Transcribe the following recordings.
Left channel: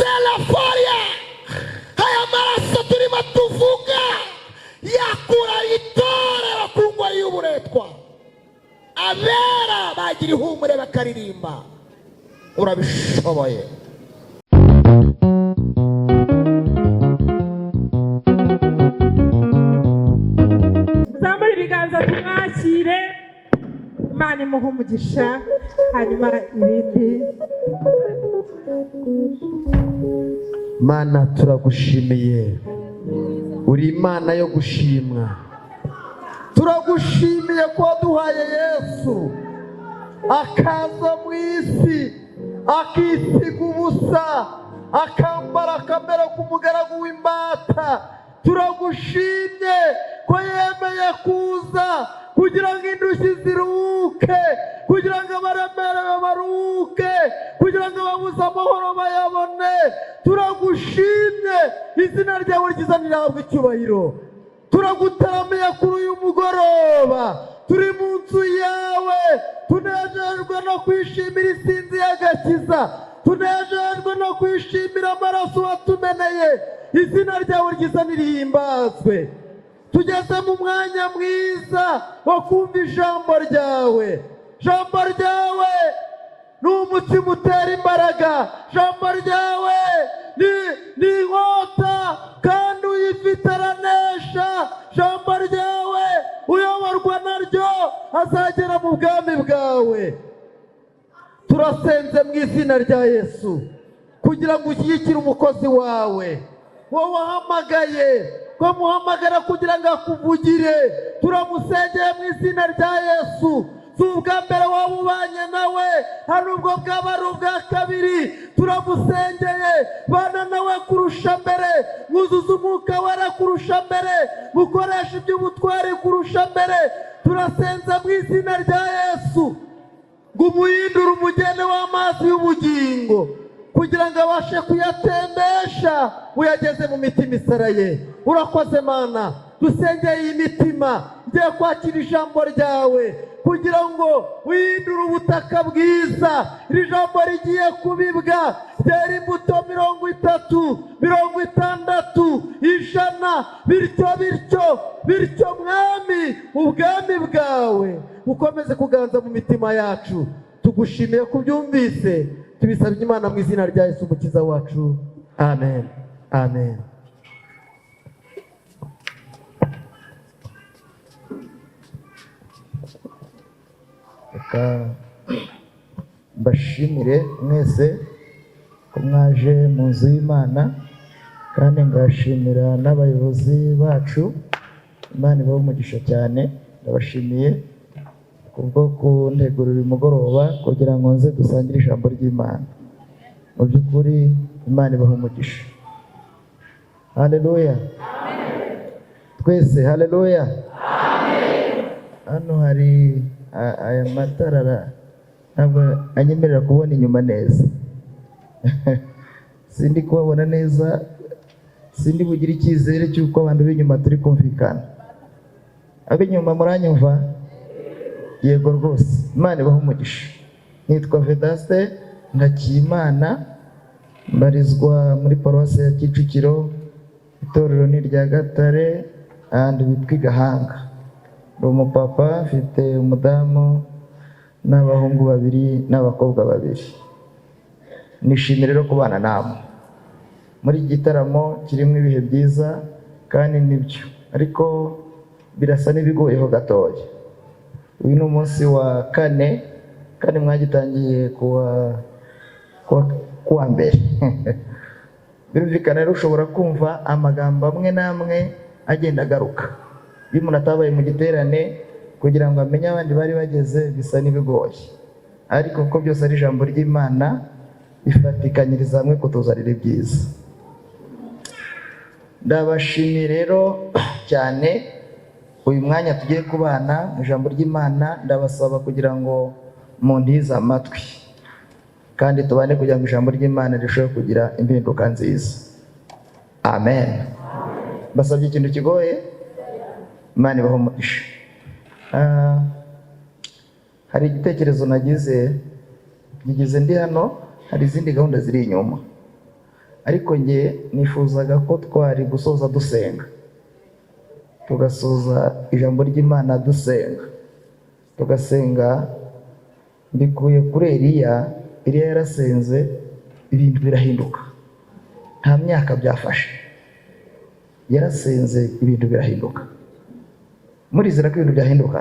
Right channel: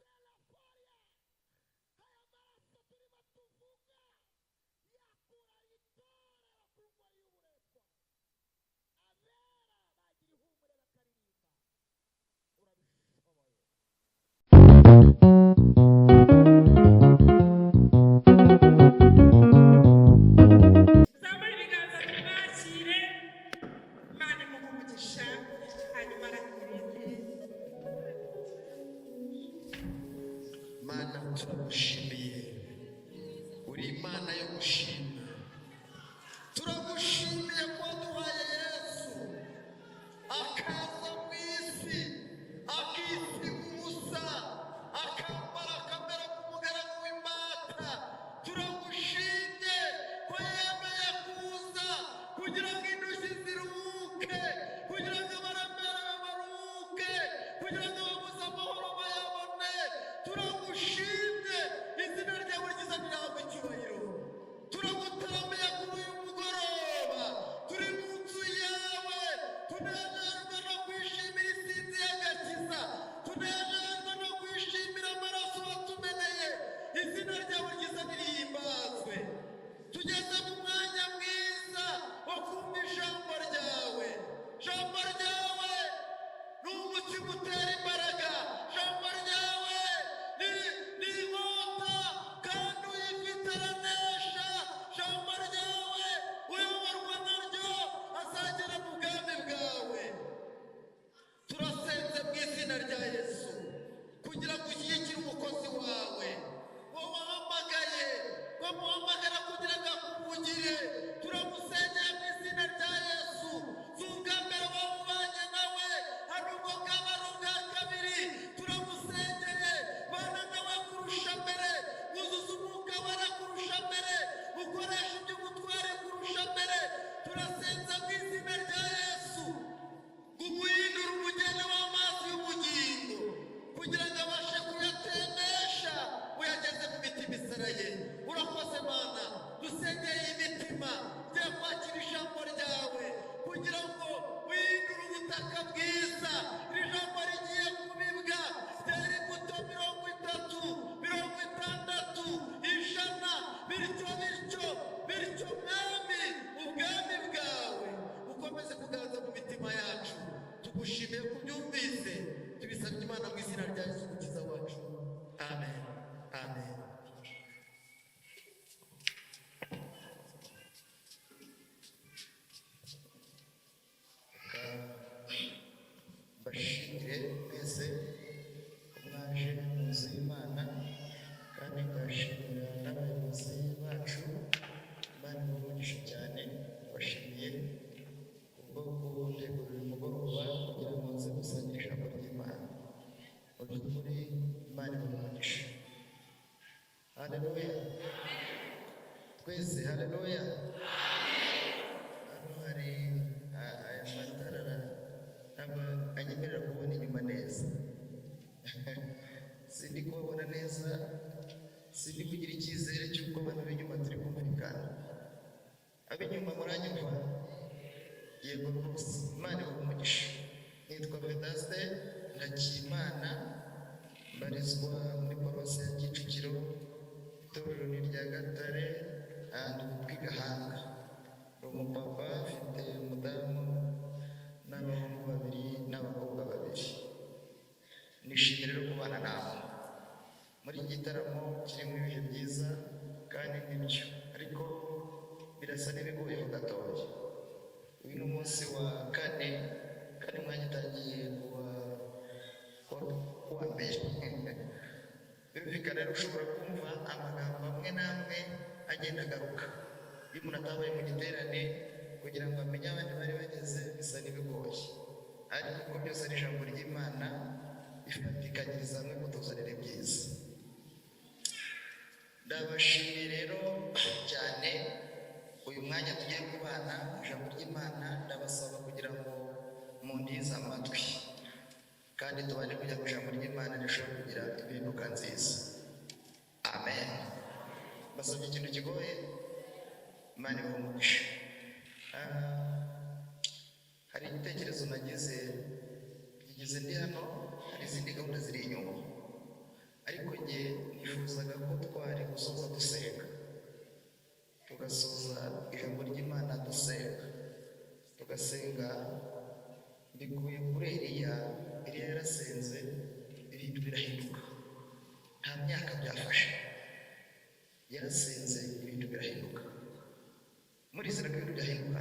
selaforia haya maraso turimo tuvuga yakura itorero kungwa y'uburetwa abera bagira ihumure bakaririmba urabishoboye. Zamuri biganza tumwakire Imana imuhe umugisha hanyuma ibindi. Mana turagushimiye, uri Imana yo gushimwa. Turagushimiye ko waduhaye Yesu akaza mu isi akisiga ubusa akambara akamera k'umugaragu w'imbata. Turagushimye ko yemeye kuza kugira ngo indushyi ziruhuke, kugira ngo abaremerewe baruhuke, kugira ngo ababuze amahoro bayabone. Turagushimye, izina ryawe ryiza nirahabwe icyubahiro. Turagutaramiye kuri uyu mugoroba, turi mu nzu yawe, tunejejwe no kwishimira isinzi y'agakiza, tunejejwe no kwishimira amaraso watumeneye. Izina ryawe ryiza nirihimbazwe. Tugeze mu mwanya mwiza wo kumva ijambo ryawe. Ijambo ryawe ni umutima utera imbaraga, ijambo ryawe ni inkota kandi uyifite aranesha. Ijambo ryawe uyoborwa naryo azagera mu bwami bwawe. Turasenze mu izina rya Yesu kugira ngo ushyigikire umukozi wawe, wowe wahamagaye ko muhamagara kugira ngo akuvugire. Turamusengeye mu izina rya Yesu. Si ubwa mbere waba ubanye nawe, hari ubwo bwaba ari ubwa kabiri. Turamusengeye, bana nawe kurusha mbere, mwuzuza umwuka wera kurusha mbere, mukoresha iby'ubutwari kurusha mbere. Turasenza mu izina rya Yesu ngo umuhindure umugende w'amazi y'ubugingo kugira ngo abashe kuyatembesha uyageze mu mitima isaraye. Urakoze Mana, dusengeye iyi mitima igiye kwakira ijambo ryawe kugira ngo uhindure ubutaka bwiza. Iri jambo rigiye kubibwa, ryera imbuto 30, 60, 100, bityo mwami ubwami bwawe ukomeze kuganza mu mitima yacu. Tugushimiye kubyumvise, tubisabye Imana mu izina rya Yesu umukiza wacu. Amen. Amen. Mbashimire mwese ko mwaje mu nzu y'Imana, kandi ngashimira n'abayobozi bacu. Imana ibahe umugisha cyane. Ndabashimiye kubwo kuntegurira uyu mugoroba kugira ngo nze dusangire ijambo ry'Imana. Mu by'ukuri Imana ibahe umugisha. Haleluya. Twese haleluya. Hano hari aya matara ntabwo anyemerera kubona inyuma neza. Sindi kubabona neza, sindi bugira icyizere cy'uko abantu b'inyuma turi kumvikana. Ab'inyuma muranyumva? Yego rwose. Imana ibahe umugisha. Nitwa Vedaste Ngakiyimana, mbarizwa muri paruwasi ya Kicukiro, itorero ni rya Gatare ahandi bitwa Gahanga. Ndi umupapa, mfite umudamu n'abahungu 2 n'abakobwa 2. Nishimira rero kubana namwe muri iki gitaramo kirimo ibihe byiza kandi nibyo, ariko birasa n'ibigoyeho gatoya. Uyu ni umunsi wa 4 kandi mwagitangiye kuwa mbere. Birumvikana rero ushobora kumva amagambo amwe n'amwe agenda agaruka. Iyo umuntu atabaye mu giterane kugira ngo amenye abandi bari bageze bisa n'ibigoye, ariko kuko byose ari ijambo ry'Imana bifatikanyiriza hamwe kutuzanira ibyiza. Ndabashimiye rero cyane uyu mwanya tugiye kubana mu ijambo ry'Imana. Ndabasaba kugira ngo muntize amatwi kandi tubane kugira ngo ijambo ry'Imana rishobore kugira impinduka nziza. Amen. Basabye ikintu kigoye, Imana ibahe umugisha. Hari igitekerezo nagize ndi hano, hari izindi gahunda ziri inyuma. ariko nge nifuzaga ko twari gusoza dusenga, tugasoza ijambo ry'Imana dusenga, tugasenga mbikuye kuri Eliya yarasenze ibintu birahinduka, nta myaka byafashe, yarasenze ibintu birahinduka. Murizera ko ibintu byahinduka?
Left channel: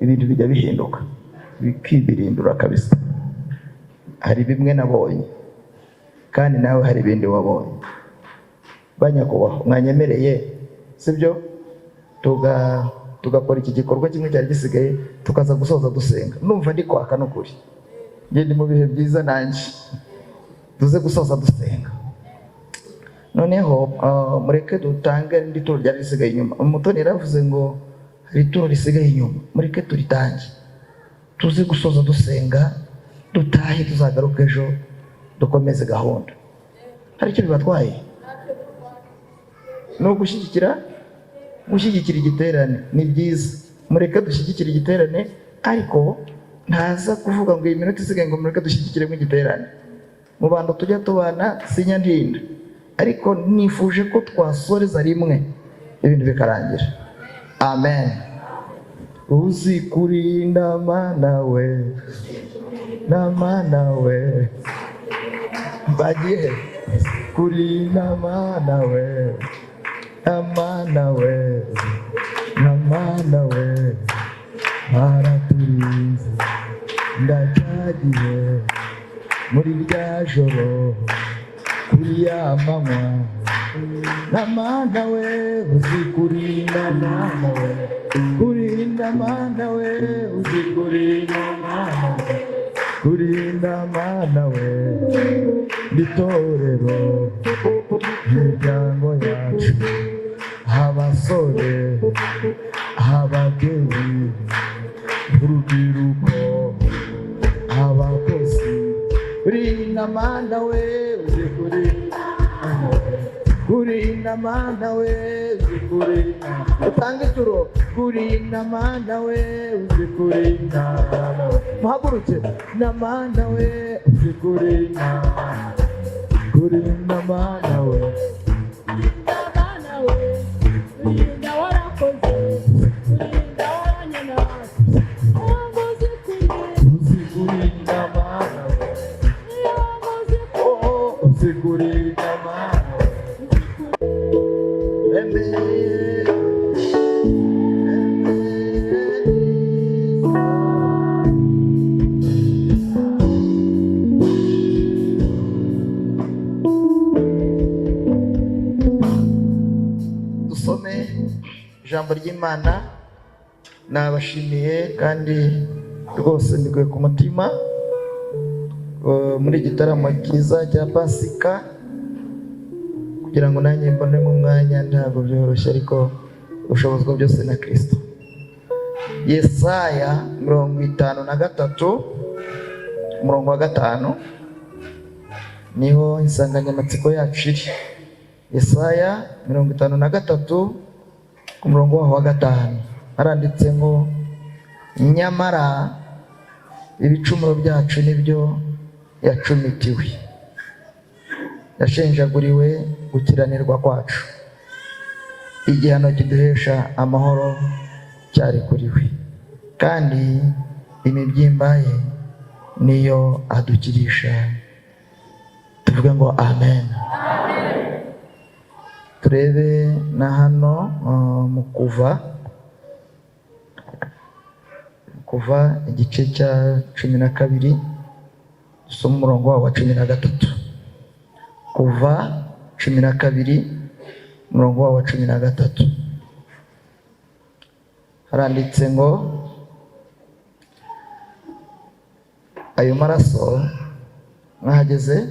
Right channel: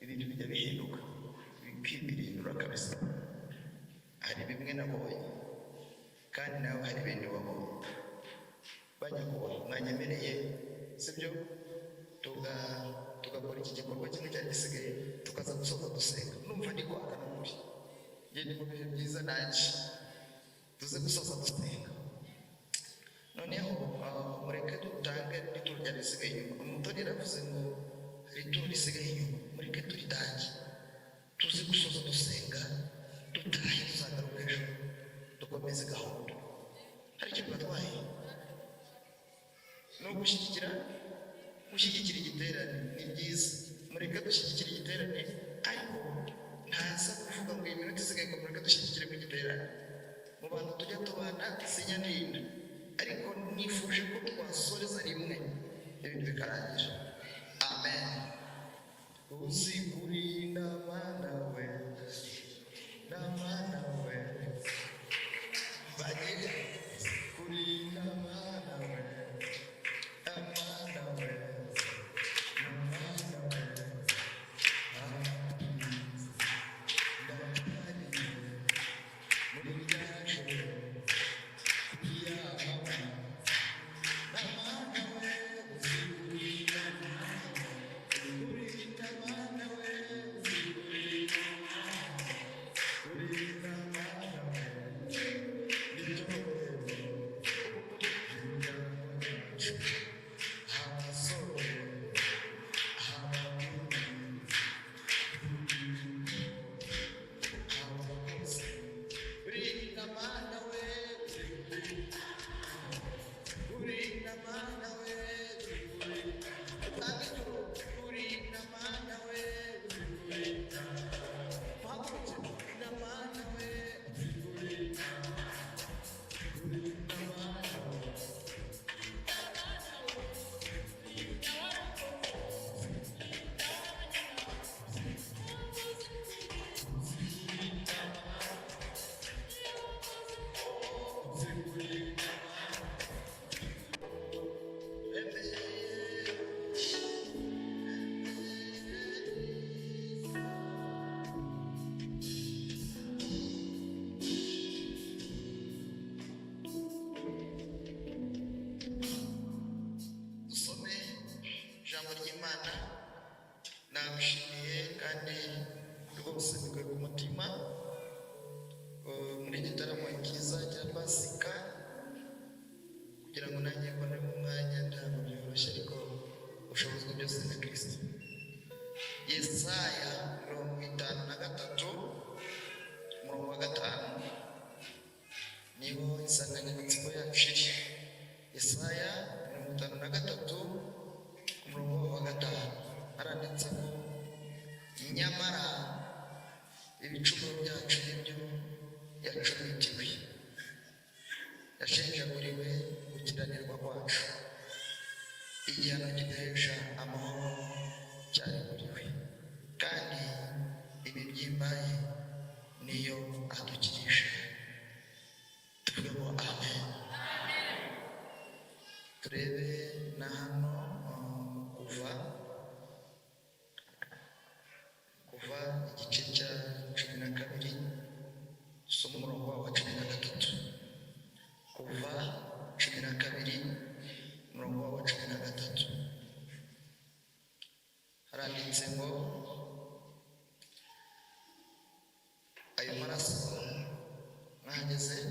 Ibintu bijya bihinduka bikibirindura kabisa. Hari bimwe nabonye kandi nawe hari ibindi wabonye. Banyakubahwa, mwanyemereye sibyo tugakora iki gikorwa kimwe cyari gisigaye tukaza gusoza dusenga. Numva ndi kwaka n'ukuri, ngende mu bihe byiza nanjye tuze gusoza dusenga. Noneho mureke dutange indi turo ryari risigaye inyuma. Umutoni yaravuze ngo hari ituro risigaye inyuma, mureke turitange tuze gusoza dusenga, dutahe tuzagaruka ejo dukomeze gahunda. Hari icyo bibatwaye? No gushyigikira igiterane ni byiza, mureke dushyigikire igiterane, ariko ntaza kuvuga ngo iyi minota isigaye ngo mureke dushyigikire mu igiterane. Mu bantu tujya tubana sinyandinda, ariko nifuje ko twasoreza rimwe ibintu bikarangira. Amen. Uzi kurinda Mana we, na Mana we, bagiye kurinda Mana we, na Mana we, na Mana we, baraturinze ndacyagiye muri rya joro kuri ya manywa, na Mana we, uzi kurinda Mana we, kurinda Mana we, uzi kurinda Mana we, kurinda Mana we, itorero imiryango yacu, abasore ababyeyi urubyiruko abakozi, kurinda Mana we, uzi kurinda Mana we, uzi kurinda, utange ituro, kurinda Mana we, uzi kurinda, muhaguruke, na Mana we, uzi kurinda, kurinda Mana we, kurinda Mana we, kurinda warakoze, kurinda waranyana, uzi kurinda Mana we, uzi kurinda Mana we. Dusome ijambo ry'Imana. Nabashimiye kandi rwose mbikuye ku mutima muri igitaramo cyiza cya Pasika, kugira ngo nanjye mbonemo umwanya. Ntabwo byoroshye, ariko ushobozwa byose na Kristo. Yesaya 53 umurongo wa 5 niho insanganyamatsiko yacu iri. Yesaya 53 umurongo wa 5 haranditse ngo, nyamara ibicumuro byacu nibyo yacumitiwe, yashenjaguriwe gukiranirwa kwacu, igihano kiduhesha amahoro cyari kuri we, kandi imibyimba ye niyo adukirisha. Tuvuge ngo amen. Turebe na hano mu kuva igice cya 12 dusoma umurongo wa 13. Kuva 12 umurongo wa 13 haranditse ngo, ayo maraso mwahageze.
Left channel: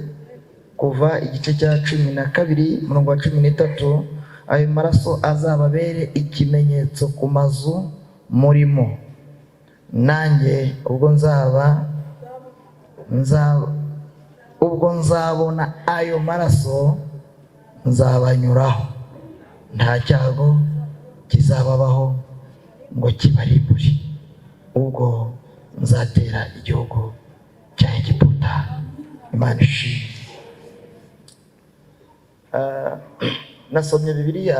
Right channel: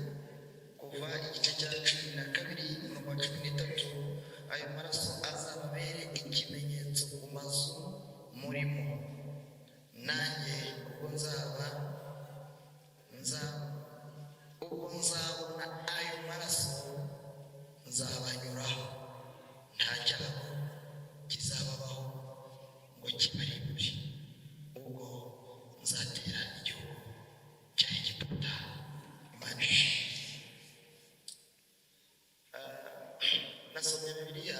Kuva igice cya 12 umurongo wa 13, ayo maraso azababere ikimenyetso ku mazu murimo, nanjye ubwo nzabona ayo maraso nzabanyuraho, nta cyago kizababaho ngo kibarimbure, ubwo nzatera igihugu cya Egiputa Imana ishimwe. Nasomye Bibiliya,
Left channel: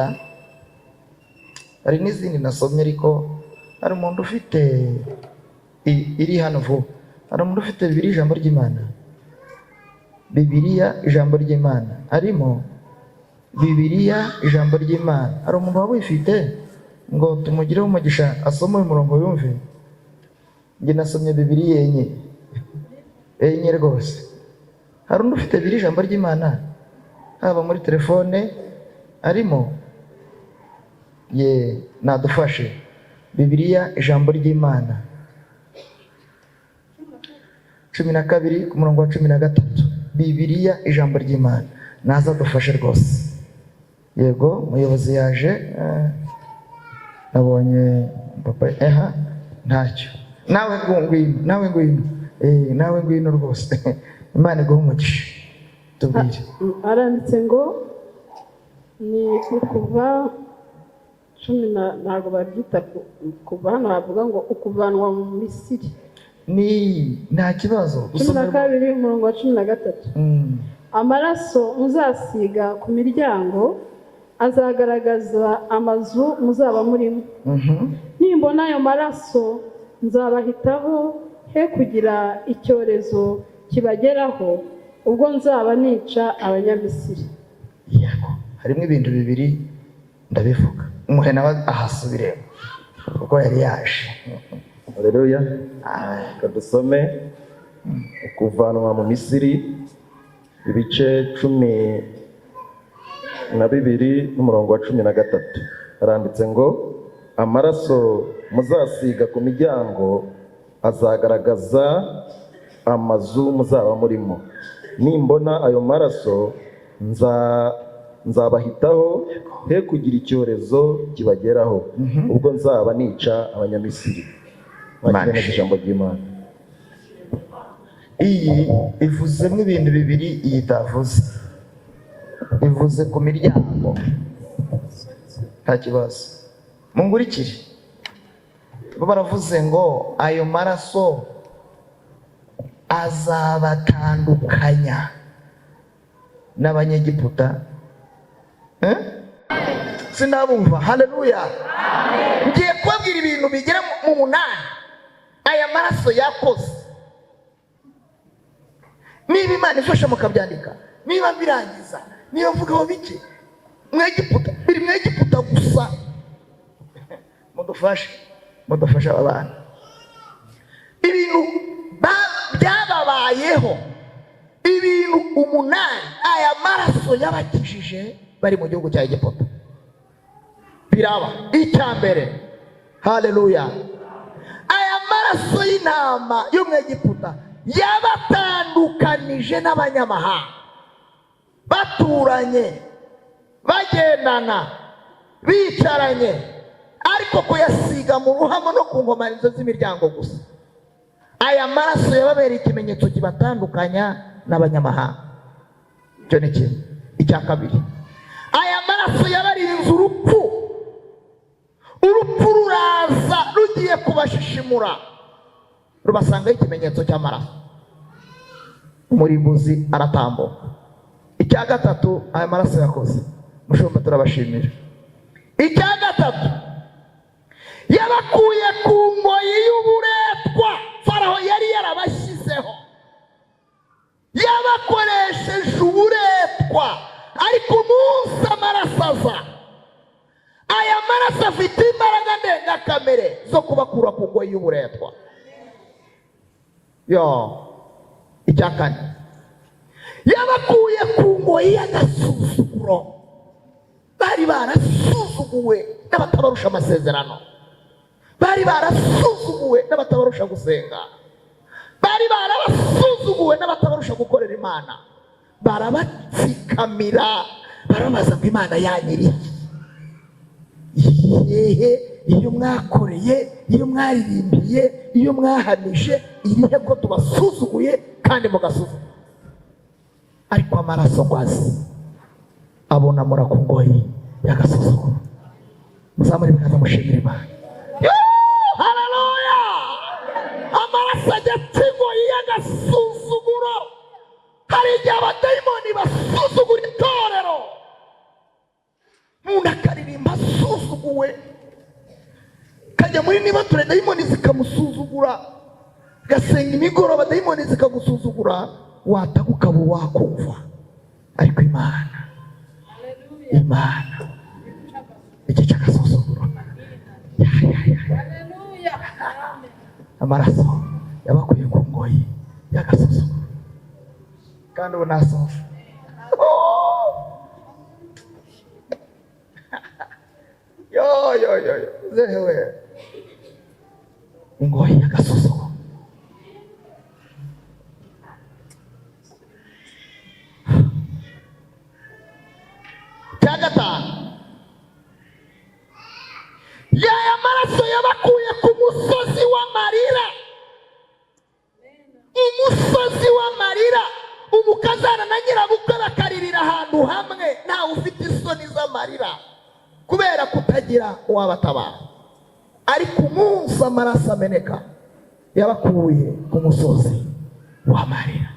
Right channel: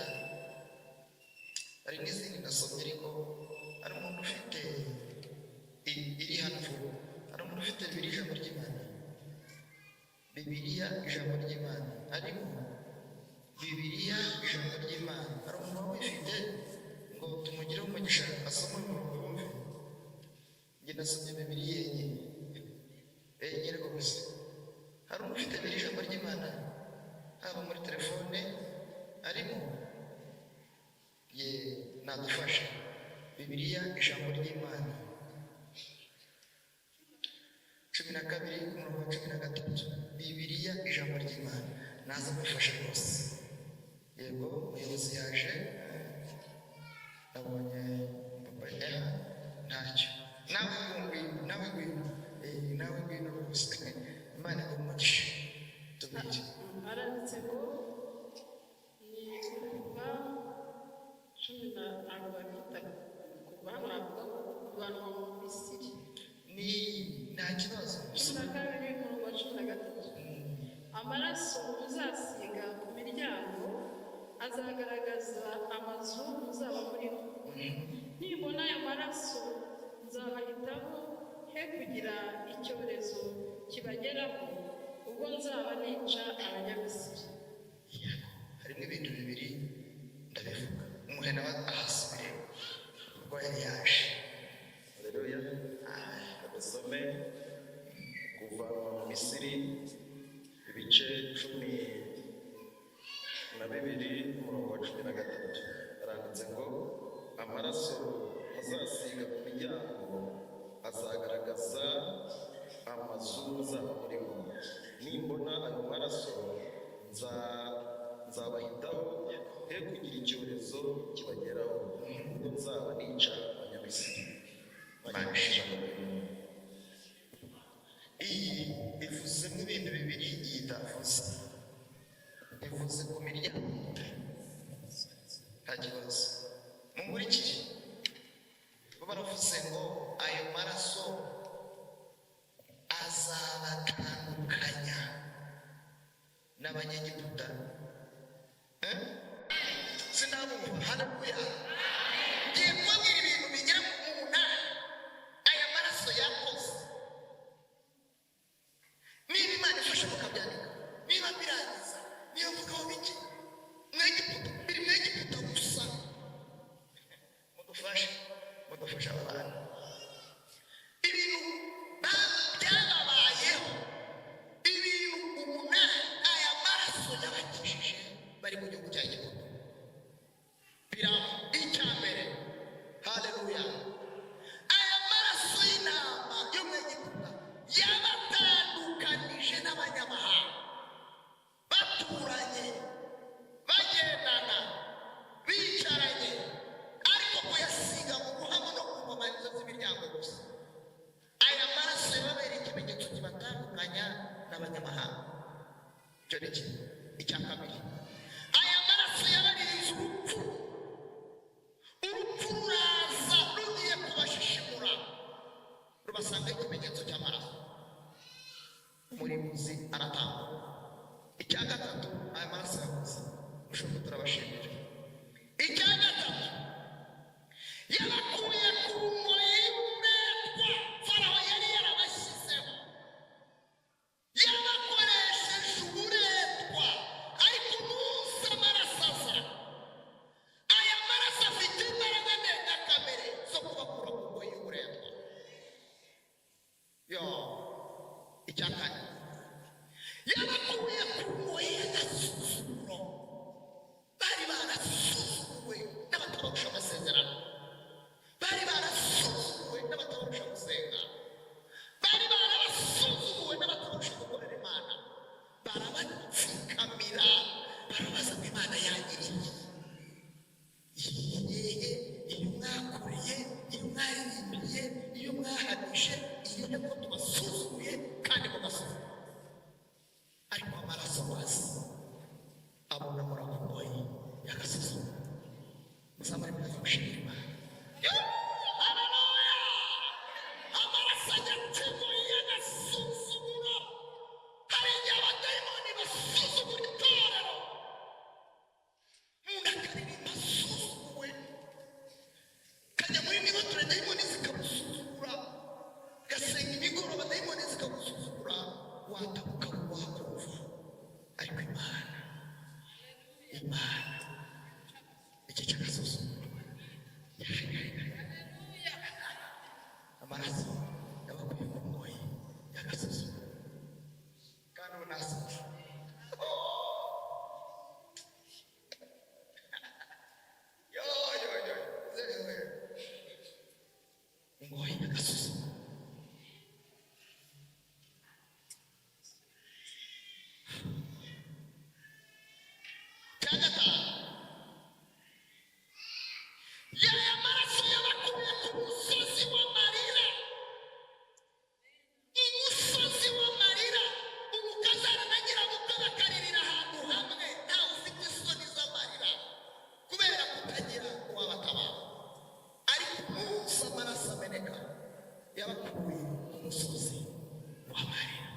hari n'izindi nasomye, ariko hari umuntu ufite iri hano vuba. Hari umuntu ufite Bibiliya ijambo ry'Imana. Bibiliya ijambo ry'Imana arimo Bibiliya ijambo ry'Imana. Hari umuntu waba uyifite ngo tumugireho umugisha asome uyu murongo yumve. Njye nasomye Bibiliya enye rwose. Hari undi ufite Bibiliya ijambo ry'Imana haba muri telefone arimo? Nadufashe. Bibiliya ijambo ry'Imana 12 ku murongo wa 13. Bibiliya ijambo ry'Imana. Naza dufashe rwose. Yego, umuyobozi yaje. Nabonye papa ntacyo. Nawe ngwino rwose. Imana iguhe umugisha. Tubwire. Aranditse ngo ni kuva 10 ntabwo babyita kuva hano bavuga ngo ukuvanwa mu Misiri. Ni nta kibazo. 12 umurongo wa 13. Amaraso muzasiga ku miryango azagaragaza amazu muzaba murimo. Nimbona ayo maraso nzabahitaho, he kugira icyorezo kibageraho ubwo nzaba nica abanyamisiri. Yego, harimo ibintu bibiri ndabivuga. Umuhe nawe ahasubiremo kuko yari yaje. Haleluya. Kadusome ukuvanwa mu Misiri ibice 12 n'umurongo wa 13. Aranditse ngo amaraso muzasiga ku miryango azagaragaza amazu muzaba murimo. Nimbona ayo maraso nzabahitaho, he kugira icyorezo kibageraho ubwo nzaba nica abanyamisiri. Bakirana ijambo ry'Imana. Iyi ivuzemo ibintu bibiri iyi itavuze. Ivuze ku miryango. Nta kibazo. Mungurikire. Bo baravuze ngo ayo maraso azabatandukanya n'Abanyegiputa. Sinabumva. Haleluya. Ngiye kubabwira ibintu bigera mu 8 aya maraso yakoze. Niba Imana ifasha mukabyandika, niba birangiza, niba mvugaho bike Mwegiputa, biri Mwegiputa gusa. Mudufashe abana. Ibintu byababayeho, ibintu 8 aya maraso yabakijije bari mu gihugu cya Egiputa. Biraba icyambere. Haleluya. Aya maraso y'intama yo mu Egiputa yabatandukanije n'abanyamahanga. Baturanye, bagendana, bicaranye, ariko kuyasiga mu ruhamo no ku nkomanizo z'imiryango gusa. Aya maraso yababereye ikimenyetso kibatandukanya n'abanyamahanga. Icyo ni kimwe. Icya kabiri, aya maraso yabarinze urupfu. Urupfu ruraza rugiye kubashishimura, rubasangaho ikimenyetso cy'amaraso. Umurimbuzi aratambuka. Icya gatatu, aya maraso yakoze, mushumba turabashimira. Icya gatatu, yabakuye ku ngoyi y'uburetwa Faraho yari yarabashyizeho. Yabakoresheje uburetwa, ariko umunsi amaraso aza, aya maraso afite imbaraga ndengakamere zo kubakura ku ngoyi y'uburetwa. Icya kane, yabakuye ku ngoyi y'agasuzuguro. Bari barasuzuguwe n'abatabarusha amasezerano, bari barasuzuguwe n'abatabarusha gusenga, bari barabasuzuguwe n'abatabarusha gukorera Imana. Barabatsikamira, barabaza ngo Imana yanyiri iyo mwakoreye, iyo mwaririmbiye, iyo mwahamije, irihe ko tubasuzuguye kandi mugasuzugura. Ariko amaraso ngwazi abona ku ngoyi y'agasuzuguro. Muzamure bikaza mushimira Imana. Haleluya. Amaraso ajya ku ngoyi y'agasuzuguro. niba ture dayimoni zikamusuzugura, gasenga imigoroba dayimoni zikagusuzugura, wataka ukaba wakumva. Ariko Imana iki cy'agasuzuguro, amaraso yabakuye ku ngoyi y'agasuzuguro, kandi ubu nasohoje. yo zewe ingoyi y'agasuzuguro. Cya gatanu, yaya maraso yabakuye ku musozi w'amarira. Umusozi w'amarira, umukazana na nyirabukwe bakaririra ahantu hamwe, ntawe ufite isoni z'amarira kubera kutagira uwabatabara. Ariko umunsi amaraso ameneka, yabakuye ku musozi w'amarira.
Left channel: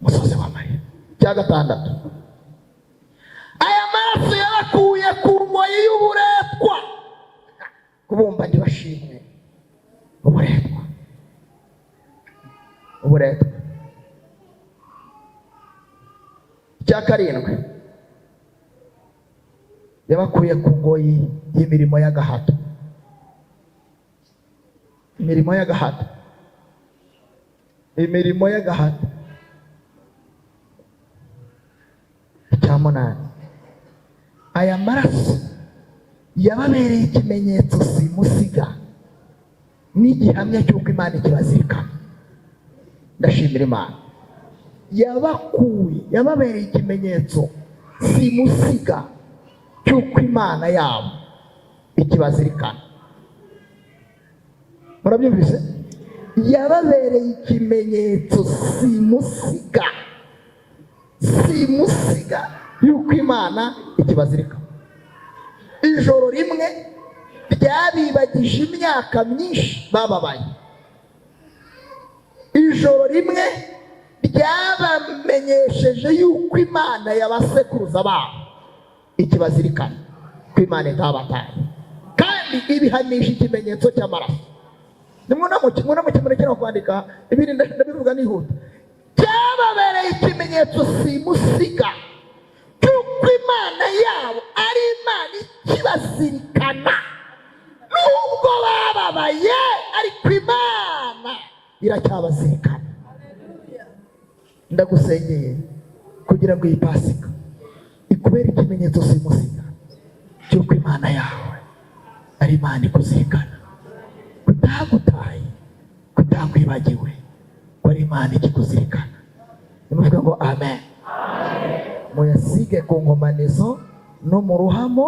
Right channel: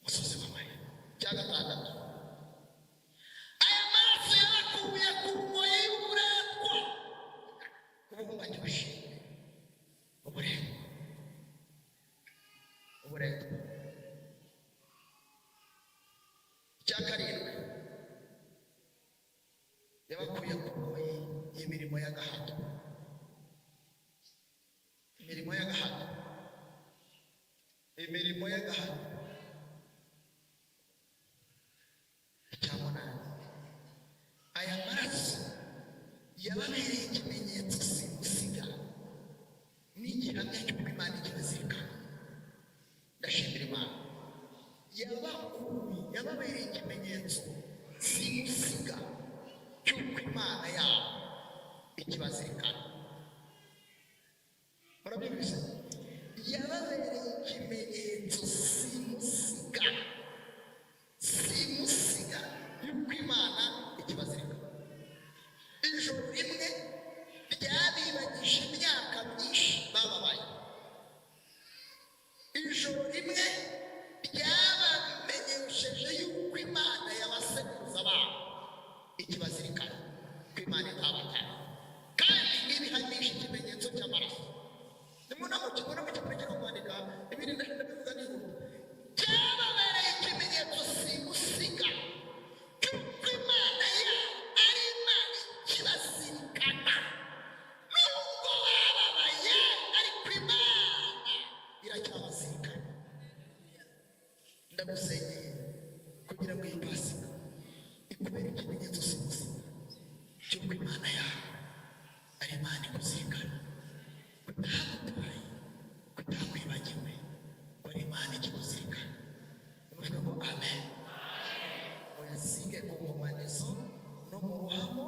Umusozi w'amarira. Cya gatandatu, aya maraso yabakuye ku ngoyi y'uburetwa. Kubumba ntibashimwe uburetwa. Cya karindwi, yabakuye ku ngoyi y'imirimo y'agahato. Imirimo y'agahato. Cya munani, aya maraso yababereye ikimenyetso simusiga n'igihamya cy'uko Imana ikibazirikana. Ndashimira Imana. Yababereye ikimenyetso simusiga cy'uko Imana yabo ikibazirikana. Murabyumvise? Yababereye ikimenyetso simusiga y'uko Imana ikibazirikana. Ijoro rimwe ryabibagije imyaka myinshi bababaye. Ijoro rimwe ryabamenyesheje yuko Imana y'abasekuruza babo ikibazirikana, ko Imana itabataye, kandi ibihanisha ikimenyetso cy'amaraso. Nimuna kwandika ibindi ndabivuga nihuta. Cyababereye ikimenyetso simusiga cy'uko Imana yabo ari Imana ikibazirikana. Nubwo bababaye, ariko Imana iracyabazirikana. Ndagusengeye kugira ngo iyi Pasika ikubere ikimenyetso simusiga cy'uko Imana yawe ari Imana ikuzirikana, kutagutaye, kutakwibagiwe, ko ari Imana ikikuzirikana. Nimuvuga ngo amen. Muyasige ku nkomanizo no mu ruhamo,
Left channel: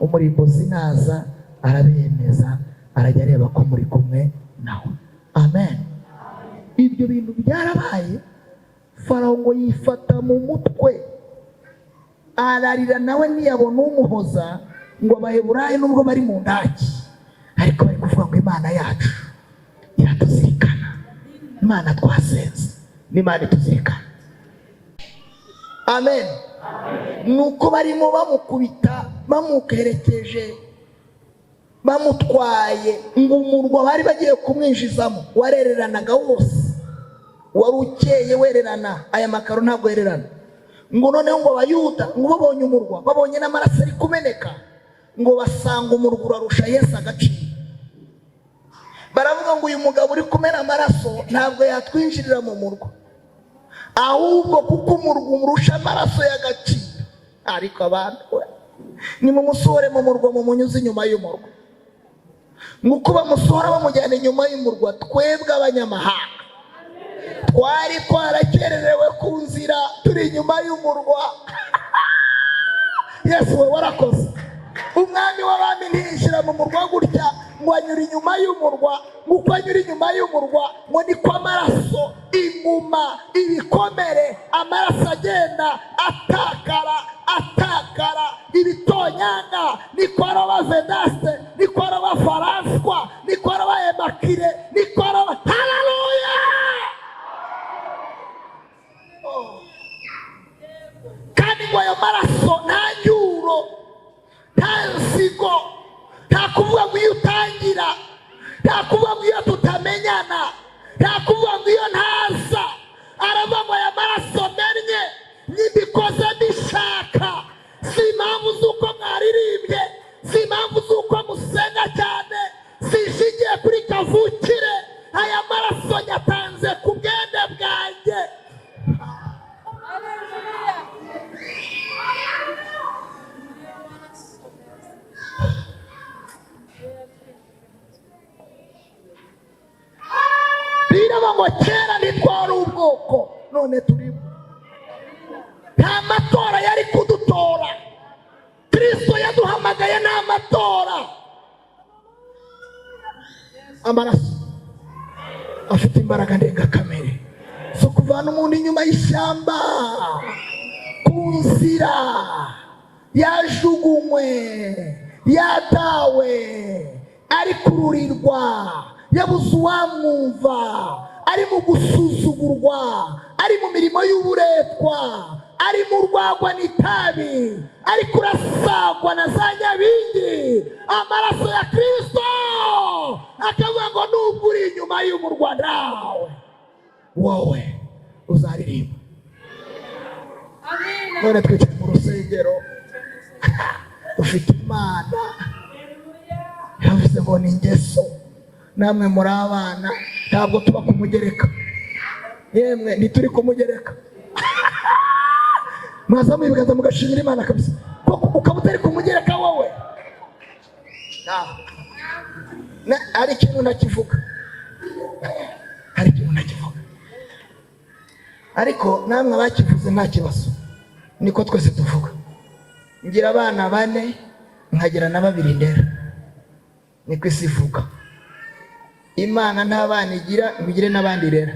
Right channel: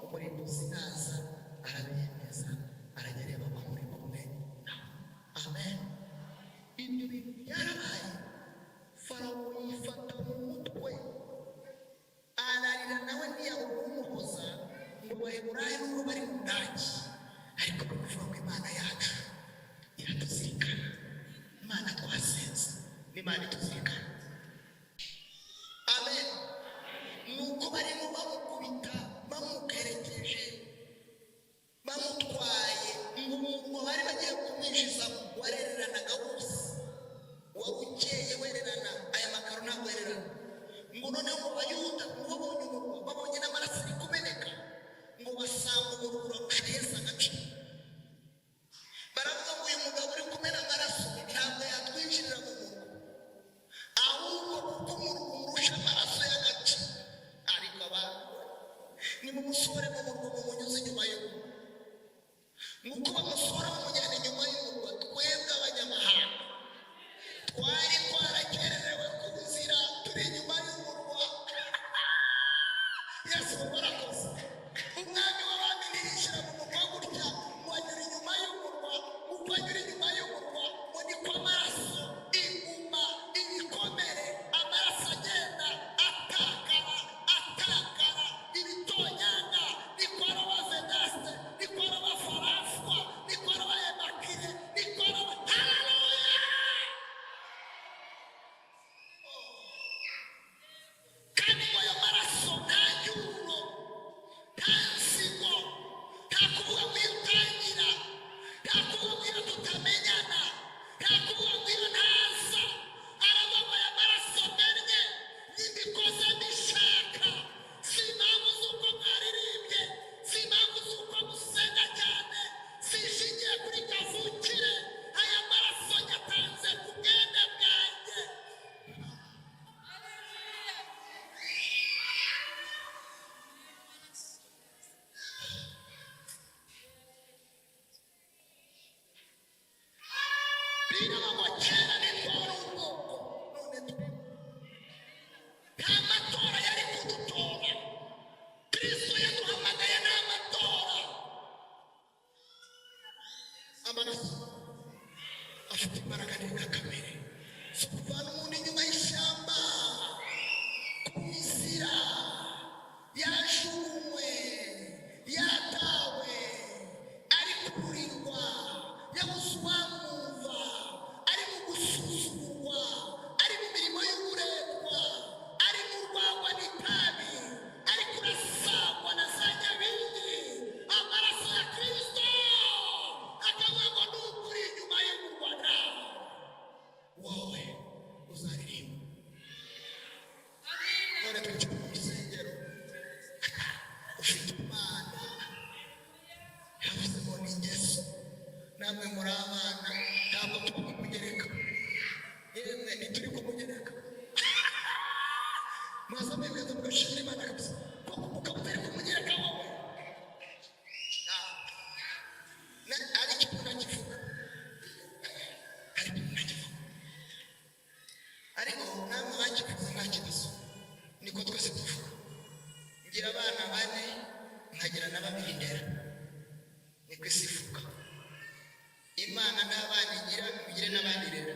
umurimbuzi naza arabemeza, arajya areba ko muri kumwe nawe. Amen. Ibyo bintu byarabaye. Farawo ngo yifata mu mutwe, ararira nawe ntiyabona umuhoza, ngo Abaheburayo nubwo bari mu ndaki ariko bari kuvuga ngo Imana yacu iratuzirikana. Imana twasenze n'Imana ituzirikana. Amen. Nuko barimo bamukubita, bamukerekeje, bamutwaye, ngo umurwa bari bagiye kumwinjizamo warereranaga wose, wari ukeye wererana. Aya makaro ntabwo yererana. Ngo noneho ngo Abayuda ngo babonye umurwa, babonye n'amaraso ari kumeneka, ngo basanga umurwa urarusha Yesu agaciro. Baravuga ngo uyu mugabo uri kumena amaraso ntabwo yatwinjirira mu murwa, ahubwo kuko umurwa umurusha amaraso y'agaciro. Ariko abantu nimumusohore mu murwa, mumunyuze inyuma y'umurwa. Nk'uko bamusohora bamujyana inyuma y'umurwa, twebwe abanyamahanga twari twarakererewe ku nzira, turi inyuma y'umurwa. Yesu we warakoze. Umwami w'abami ntiyinjira mu murwa gutya ngo anyura inyuma y'umurwa. Nk'uko anyura inyuma y'umurwa, ngo niko amaraso, inguma, ibikomere, amaraso agenda atakara, ibitonyanga, niko aroba Vedaste, niko aroba Faranswa, niko aroba Emakire, niko aroba. Haleluya! Kandi ngo ayo maraso nta nyuro, nta nsigo, nta kuvuga ngo iyo utangira bwoko none turimo. Nta matora yari kudutora, Kristo yaduhamagaye nta matora. Amaraso afite imbaraga ndengakamere zo kuvana umuntu inyuma y'ishyamba ku nzira yajugunywe, yatawe, ari kururirwa, yabuze uwamwumva, ari mu gusuzugurwa, ari mu mirimo y'uburetwa, ari mu rwagwa n'itabi, ari kurasagwa na za nyabingi. Amaraso ya Kristo akavuga ngo nubwo uri inyuma y'umurwa nawe wowe uzaririmba. None twicaye mu rusengero ufite Imana yavuze ngo ni ingeso, namwe muri abana ntabwo tuba kumugereka, yemwe ntituri kumugereka. Mwazamuye ibiganza mugashimira Imana kabisa, kuko ukaba utari kumugereka wowe. Hari ikintu nakivuga, hari ikintu nakivuga, ariko namwe abakivuze nta kibazo, niko twese tuvuga. Ngira abana 4 nkagira na 2 ndera, niko isi ivuga. Imana nta bana igira, ngire n'abandi rera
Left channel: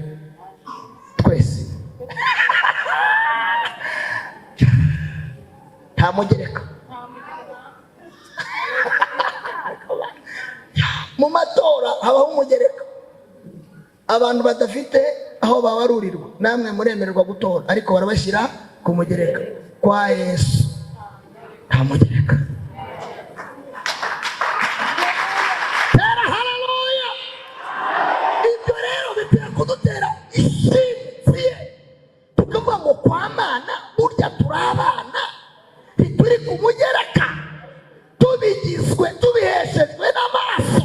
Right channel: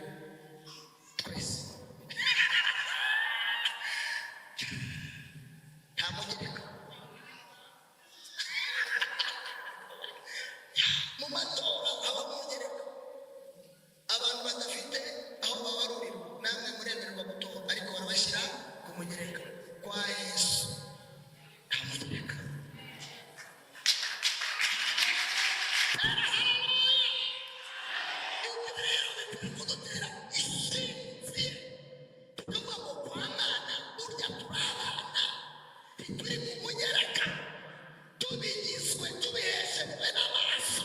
twese. Nta mugereka. Mu matora habaho umugereka, abantu badafite aho bawarurirwa. Namwe muremererwa gutora, ariko barabashyira ku mugereka kwa Yesu. Nta mugereka. Tera haleluya. Ibyo rero bitera kudutera ishimwe, tukavuga ngo kwa Mana burya turabana, ntituri ku mugereka, tubigizwe, tubiheshejwe n'amaraso.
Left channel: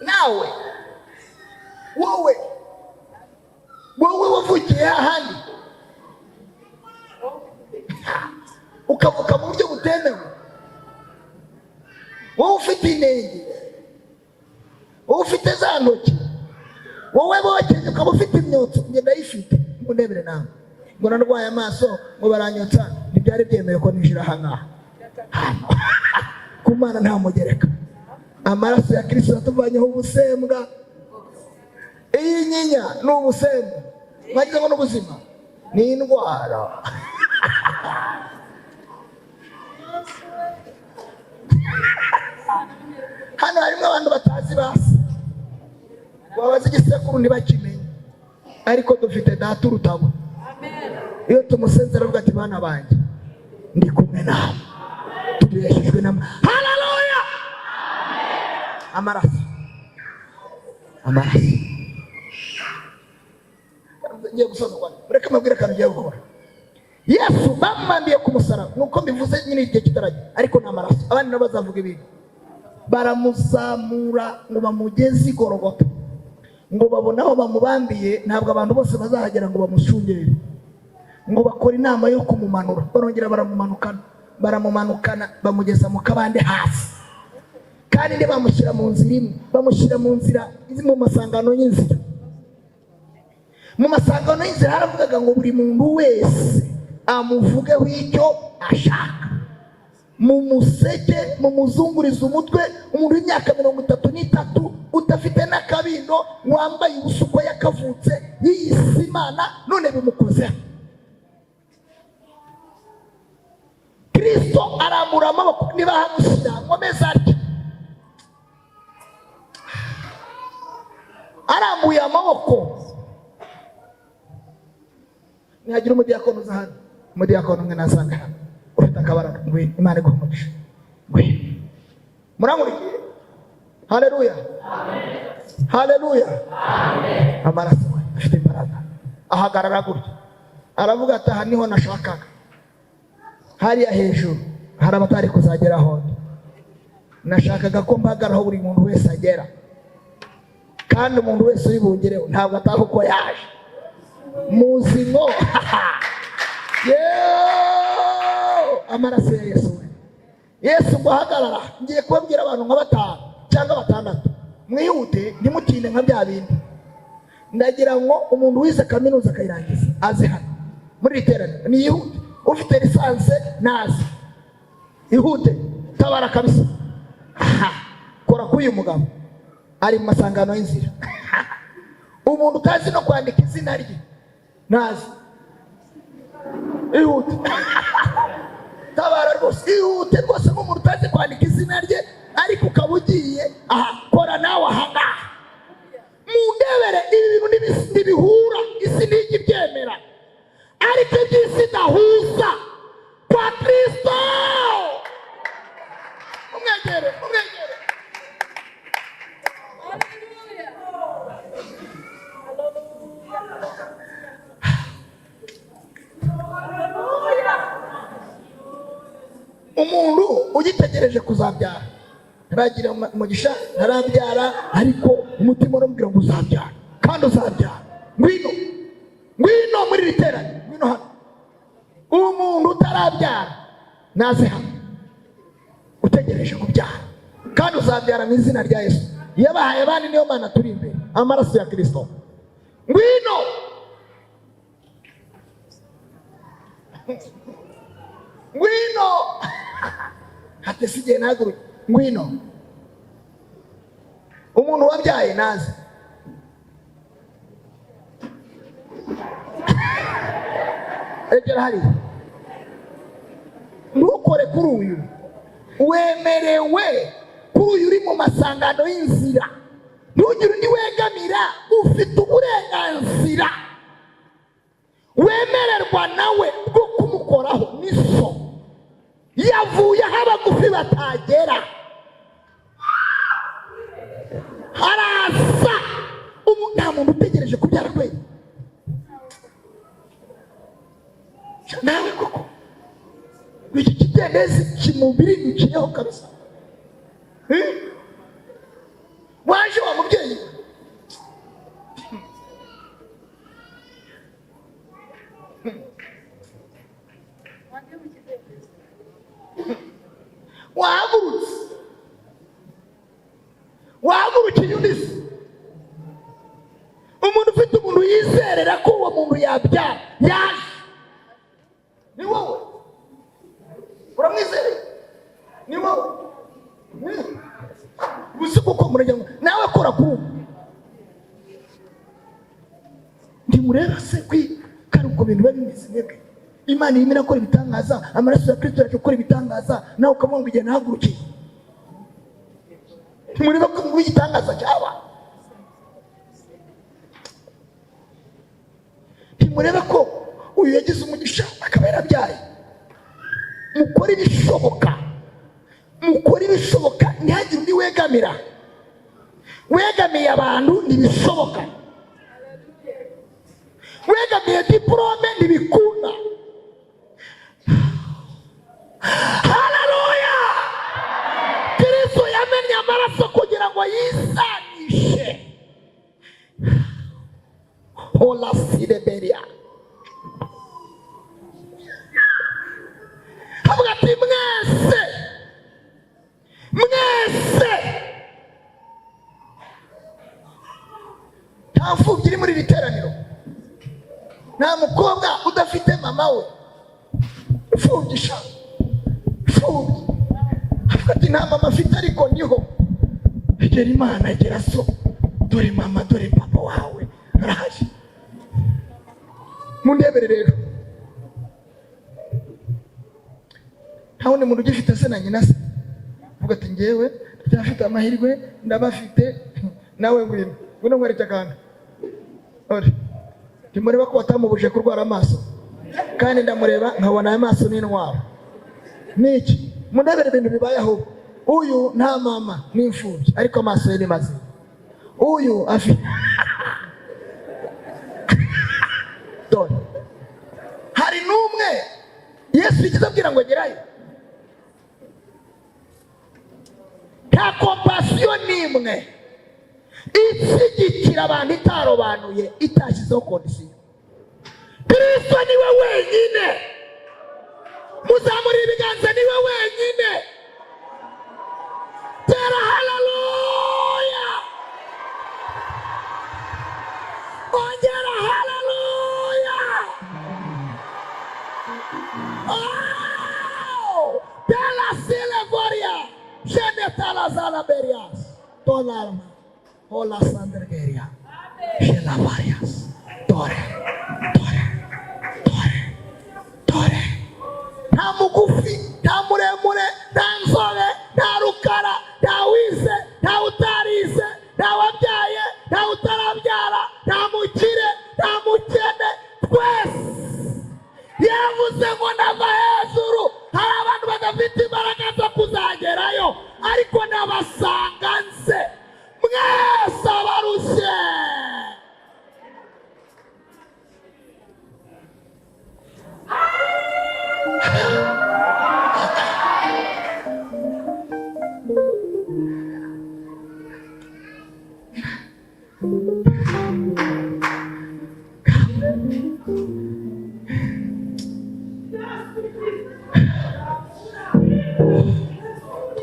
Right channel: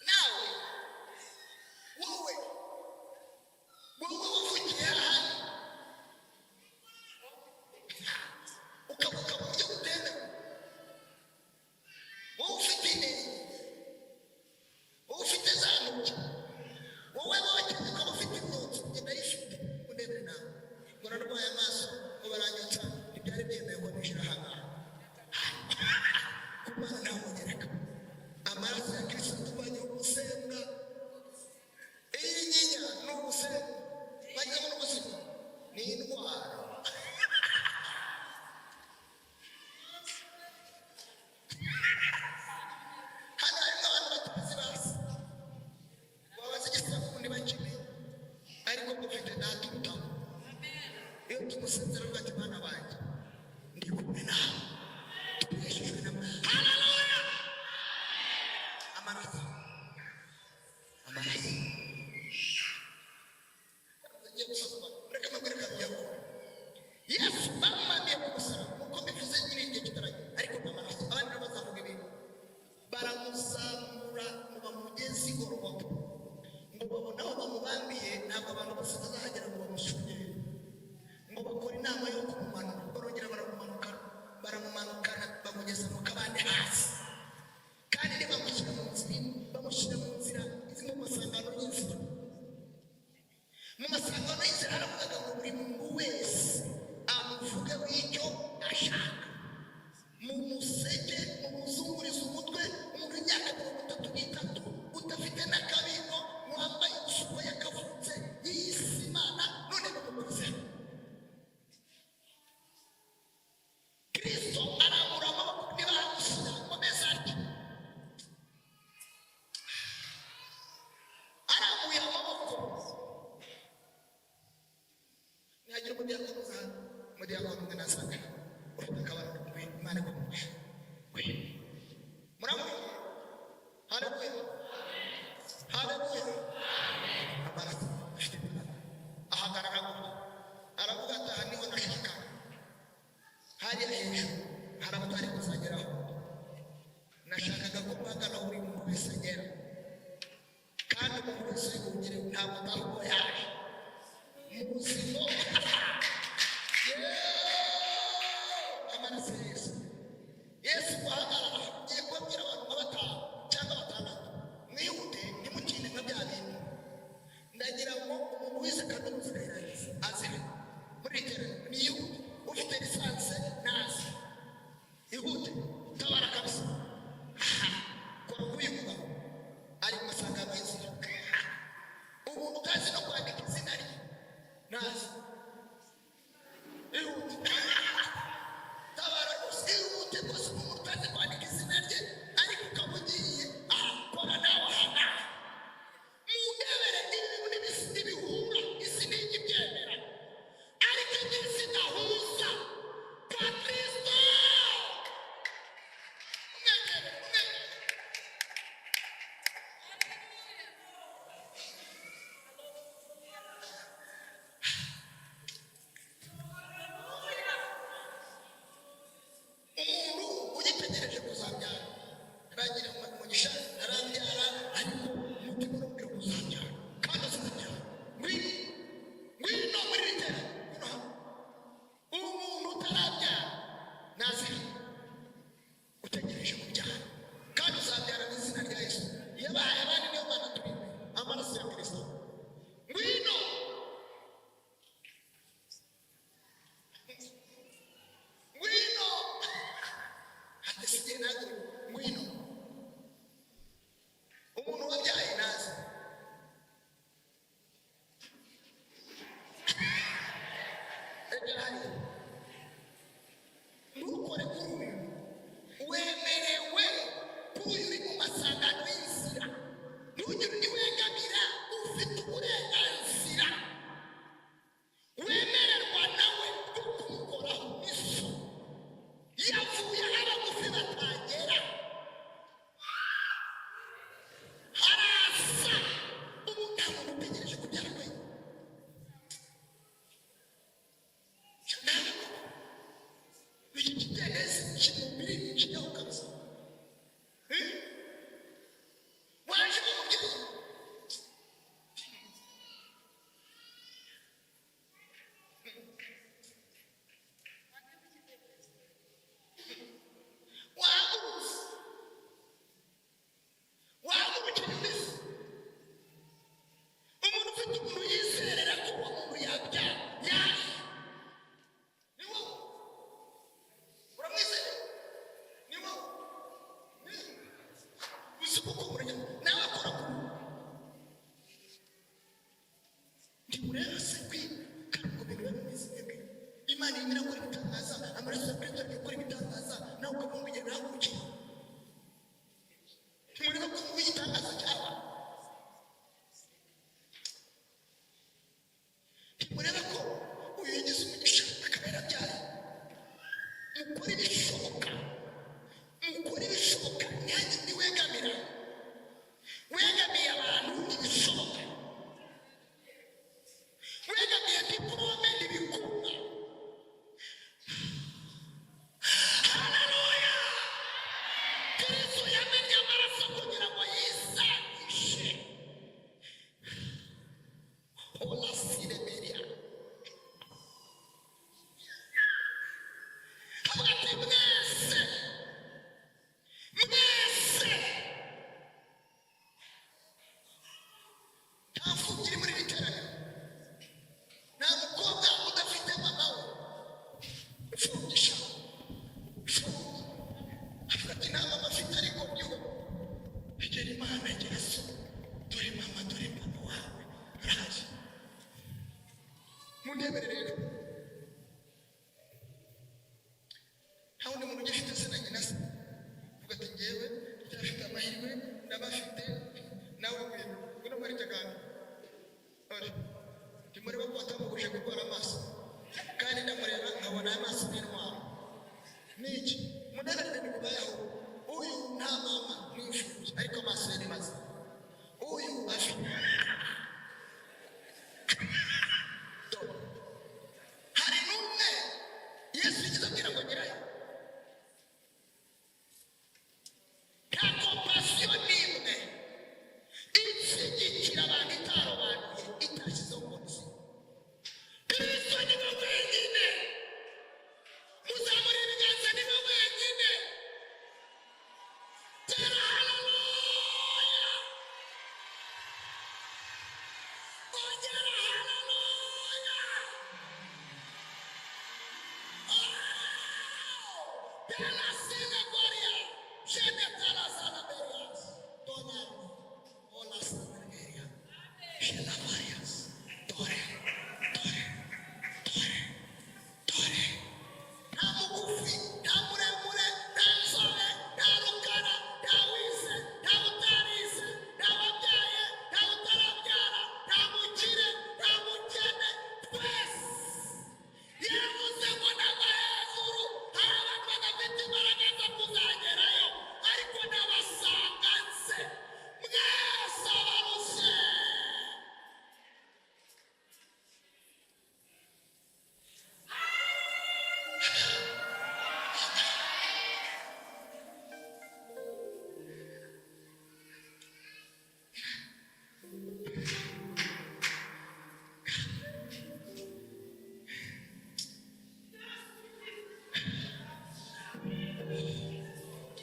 Nawe wowe wavukiye ahandi ukavuka mu buryo butemewe, wowe ufite inenge, wowe ufite za ntoki, wowe bokeje ukaba ufite imyotsi, njye ndayifite, ngo ndebere nawe, ngo narwaye amaso ngo baranyotsa, ntibyari byemewe ko ninjira aha ngaha. Ku Mana nta mugereka. Amaraso ya Kristo yatuvanyeho ubusembwa. Iyi nyinya ni ubusembwa, mwagize ngo n'ubuzima ni indwara. Hano harimo abantu batazi basi, wabaza igisekuru ntibakimenye, ariko dufite data urutabo. Iyo tumusenzera avuga ati bana banjye ndi kumwe nawe, tubeshejwe na haleluya. Amaraso ngiye gusoza kwa reka mabwire kandi ngiye gukora. Yesu bamwambiye ku musaraba, nuko mbivuze nyine igihe kitaragiye, ariko nta maraso. Abandi nabo bazavuga ibintu, baramuzamura ngo bamugeze i Golgotha, ngo babone aho bamubambiye. Ntabwo abantu bose bazahagera ngo bamushungere, ngo bakora inama yo kumumanura. Barongera baramumanukana bamugeza mu kabande hasi, kandi ntibamushyira mu nzira imwe, bamushyira mu nzira mu masangano y'inzira. Mu masangano y'inzira haravugaga ngo buri muntu wese amuvugeho icyo ashaka, mumuseke, mumuzungurize umutwe. Umuntu w'imyaka 33 udafite n'akabindo, wambaye ubusuko yakavutse, yiyise Imana, none bimukozeho. Kristo arambura amaboko, niba hamushyira nkomeza atya, arambuye amaboko. Ntihagira umudiyakono uza hano, umudiyakono umwe nasanga hano ufite akabaraga, ngwino Imana iguhumurishe, ngwino. Muramurikiye? Haleluya, haleluya. Amaraso afite imbaraga. Ahagarara gutya aravuga ati aha niho nashakaga. Hariya hejuru hari abatari kuzageraho, nashakaga ko mpagaraho buri muntu wese agera, kandi umuntu wese uribungereho ntabwo ataha uko yaje. Muzi ngo amaraso ya Yesu. Yesu ngo hagarara, ngiye kubabwira abantu nka 5 cyangwa 6. mwihute ntimutinde nka bya bindi. Ndagira ngo umuntu wize kaminuza akayirangiza aze hano muri iterane ni yihute, ufite lisanse naze ihute, tabara kabisa. Kora kuyu mugabo ari mu masangano y'inzira. Umuntu utazi no kwandika izina rye naze ihute. Tabara rwose ihute rwose, umuntu utazi kwandika izina rye ariko ukaba ugiye kora nawe ahangaha. Mundebere ibi bintu ntibihura, isi ntijya ibyemera, ariko iby'isi idahuza kwa Kristo. Umwegere. Umuntu ugitegereje kuzabyara naragira umugisha, ntarabyara, ariko umutima uramubwira ngo uzabyara kandi uzabyara. Ngwino muri riterane, ngwino hano. Umuntu utarabyara naze hano, utegereje kubyara kandi uzabyara mu izina rya Yesu. Yabahaye abandi niyo Mana turi imbere, amaraso ya Kristo. Ngwino. Hatesigiye naguru. Ngwino. Umuntu wabyaye naze. Egera hari. Ntukore kuri uyu. Wemerewe kuri uyu uri mu masangano y'inzira. Ntugire undi wegamira, ufite uburenganzira. Wemererwa nawe bwo kumukoraho niso. Yavuye aho abagufi batagera. Haraza nta muntu utegereje kubyara kwe. Nawe koko iki kidendezi kimubiri niciyeho kabisa. Waje wa mubyeyi wahagurukiye undi. Umuntu ufite umuntu yizerera ko uwo muntu yabyara yaje. Ni wowe uramwizereye, ni wowe gusa kuko murajyamo nawe kora kuri ubu. Ndimureba se kandi ubwo bintu biba bimeze neza. Imana irimo irakora ibitangaza, amaraso ya Kristo yaje gukora ibitangaza, nawe ukamubwira ngo igihe nahagurukiye. Mureba ko mu gitangaza cyaba. Mureba ko uyu yagize umugisha akaba yarabyaye. Mukora ibishoboka. Ntihagire undi wegamira. Wegamiye abantu ntibishoboka. Wegamiye diplome ntibikunda. Haleluya! Kristo yamennye amaraso kugira ngo yisanishe. Hola sideberia. Havuga ati mwese nta mfubyi iri muri iri teraniro, nta mukobwa udafite mama we ufubyi. Havuga ati nta mama afite ariko niho. Egera Imana, egera so, dore mama, dore papa wawe araje. Mundebere rero, nta wundi muntu ugifite se na nyina se. Vuga ati ngewe ndacyafite amahirwe, ndabafite. Nawe ngwino nkwereke akantu. Ndimureba ko watamubuje kurwara amaso, kandi ndamureba nkabona amaso n'intwaro. Niki? Mundebere ibintu bibayeho. Uyu nta mama n'imfubyi, ariko amaso ye ni mazima. Uyu afite dore. Hari n'umwe Yesu yigeze abwira ngo gerayo. Nta kompasiyo n'imwe ishyigikira abantu itarobanuye, itashyizeho kondisiyo. Kristo niwe wenyine. Muzamurira ibiganza, niwe wenyine. Tera haleluya. tola hola sandergeria shela varias tore nta mugufi nta muremure nta nzobe nta rukara nta wize nta utarize nta wabyaye nta utarabyara nta mukire nta mukene twese yavuze ngo ndava hejuru. Hari abantu badafite imbaraga zo kuzagerayo ariko nabasanga nze mwese abarushye.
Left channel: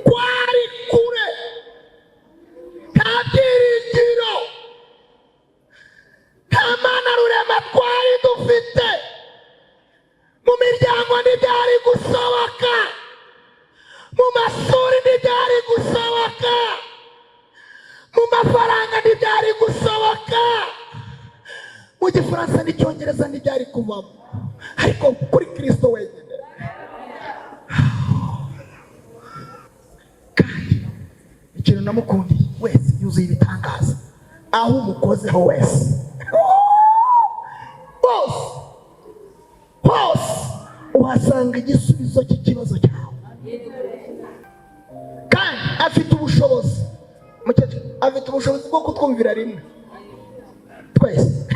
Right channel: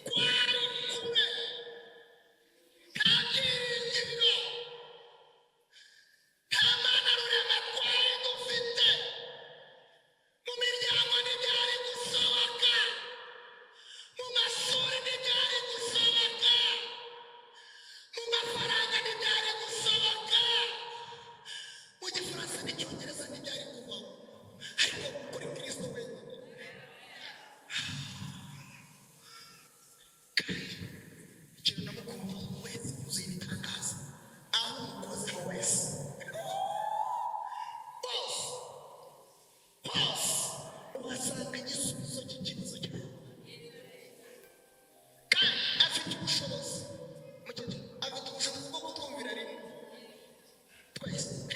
Kwari kure nta byiringiro nta mana rurema twari dufite. Mu miryango ntibyari gusohoka, mu mashuri ntibyari gusohoka, mu mafaranga ntibyari gusohoka, mu gifaransa n'icyongereza ntibyari kuvamo, ariko kuri Kristo wenyine. Kandi ikintu namukundiye wese yuzuye ibitangaza, aho umukozeho wese hose uhasanga igisubizo cy'ikibazo cyawe. Kandi afite ubushobozi bwo kutwumvira rimwe twese.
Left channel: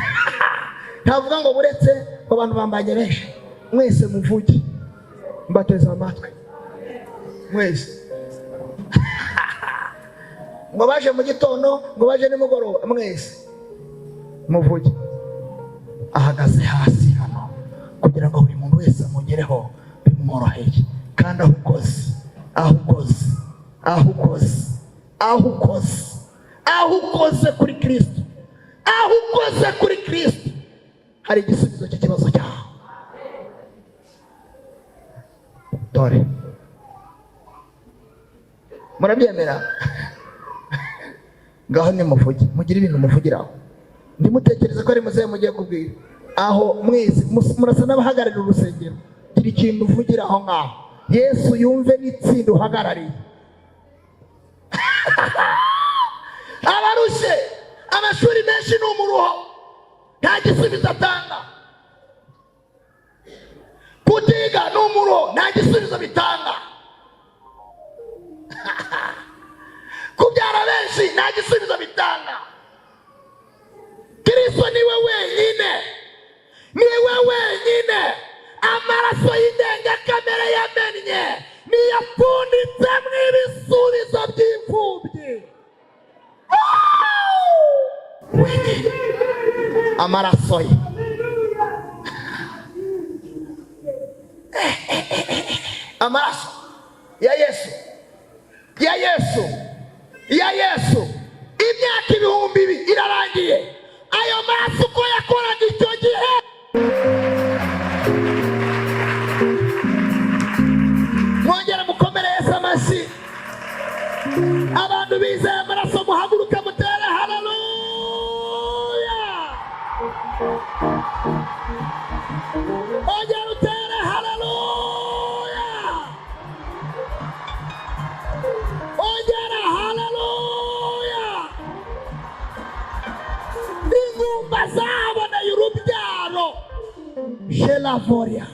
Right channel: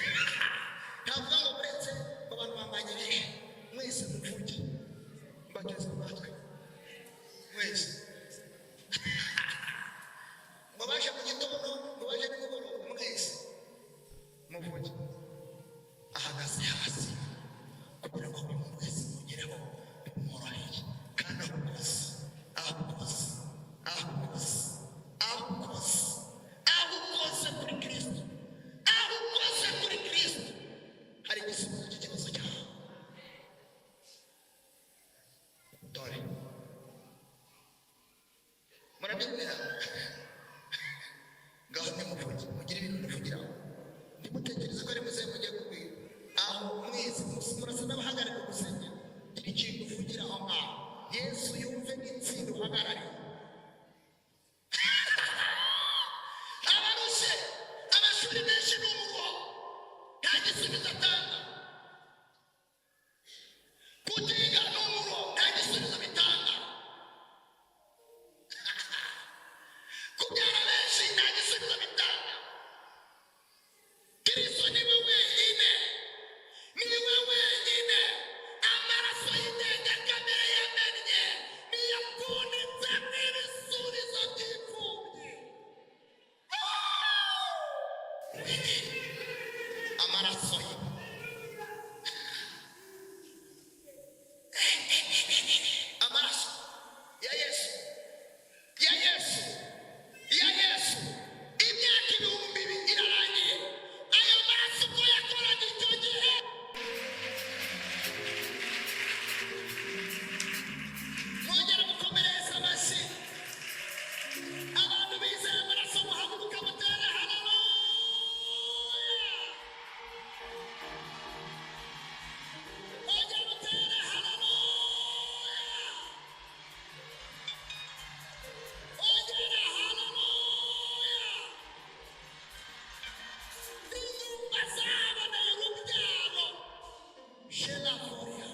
Ntavuga ngo buretse abantu bambanye benshi, mwese muvuge mbateze amatwi mwese. Ngo baje mu gitondo, ngo baje nimugoroba, mwese muvuge. Ahagaze hasi hano kugira ngo buri muntu wese amugereho bimworoheye. Kandi aho ukoze kuri Kristo, hari igisubizo cy'ikibazo cyawe. Dore murabyemera? Ngaho nimuvuge, mugire ibintu muvugiraho. Ndimutekereza ko ari muzehe mugiye kubwira. Aho mwese murasa n'abahagararira urusengero, gira ikintu uvugira aho ngaho. Yesu yumve n'itsinda uhagarariye. Abarushe amashuri menshi ni umuruho, nta gisubizo atanga. Kutiga ni umuruho, nta gisubizo bitanga. Kubyara benshi nta gisubizo bitanga. Kristo niwe wenyine amaraso y'indengakamere yamennye niyapfunditse mw'ibisubizo by'imfubyi. Wenyine amaraso ye. Amaraso ya Yesu imyaka 2000 irarangiye. Ayo maraso ko yakoraga icyo gihe. Mwongera mukomere Yesu amashyi. Abantu bizeye amaraso muhaguruka mutere haleluya. Ongera utere haleluya. Ongera haleluya. Ingumba zaboneye urubyaro. Shelavoria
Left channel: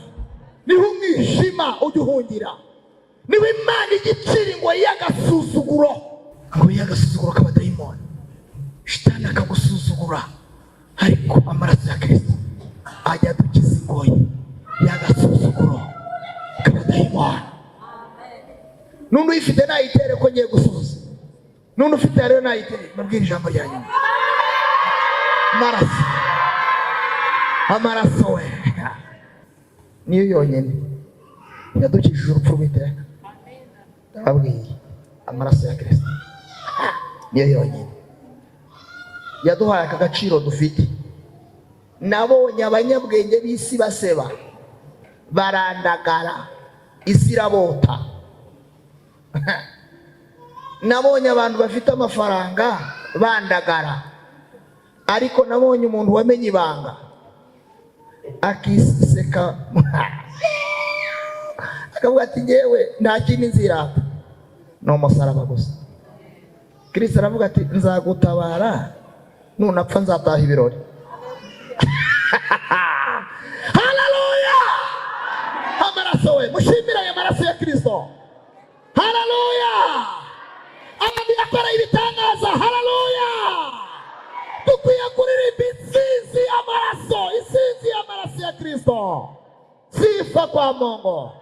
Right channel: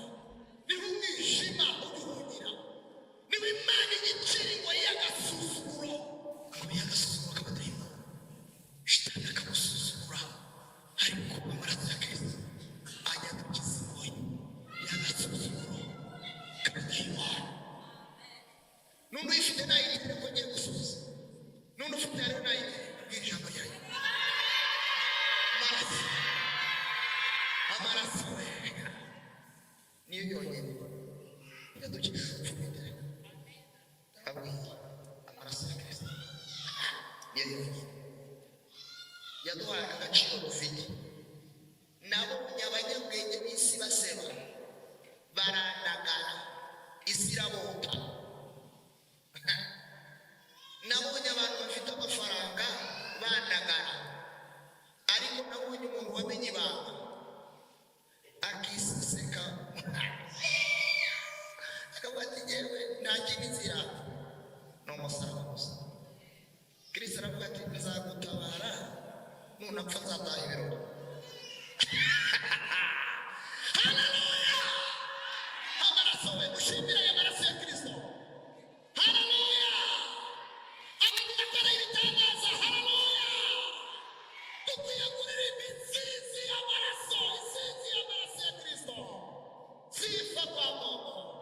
niho umwijima uduhungira. Niho Imana igicira ngo y'agasuzuguro k'abadayimoni. Shitani akagusuzugura, ariko amaraso ya Kristo ajya adukiza ingoyi y'agasuzuguro k'abadayimoni. N'undi uyifite nayitere ko ngiye gusubiza. N'undi ufite rero nayitere. Mubwire ijambo rya nyuma. Amaraso we niyo yonyine yadukijije urupfu rw'iteka. Ndababwiye, amaraso ya Kristo niyo yonyine yaduhaye aka gaciro dufite. Nabonye abanyabwenge b'isi baseba, barandagara, isi irabota. nabonye abantu bafite amafaranga bandagara, ariko nabonye umuntu wamenye ibanga akiseka akavuga ati ngewe nta kindi nzirata ni umusaraba gusa. Kristo aravuga ati nzagutabara nunapfa nzataha ibirori. Haleluya! Amaraso we, mushimira aya maraso ya Kristo. Haleluya! Abandi akora ibitangaza. Haleluya! Dukwiye kuririmba insinzi y'amaraso ya Kristo. Sifa kwa Mungu.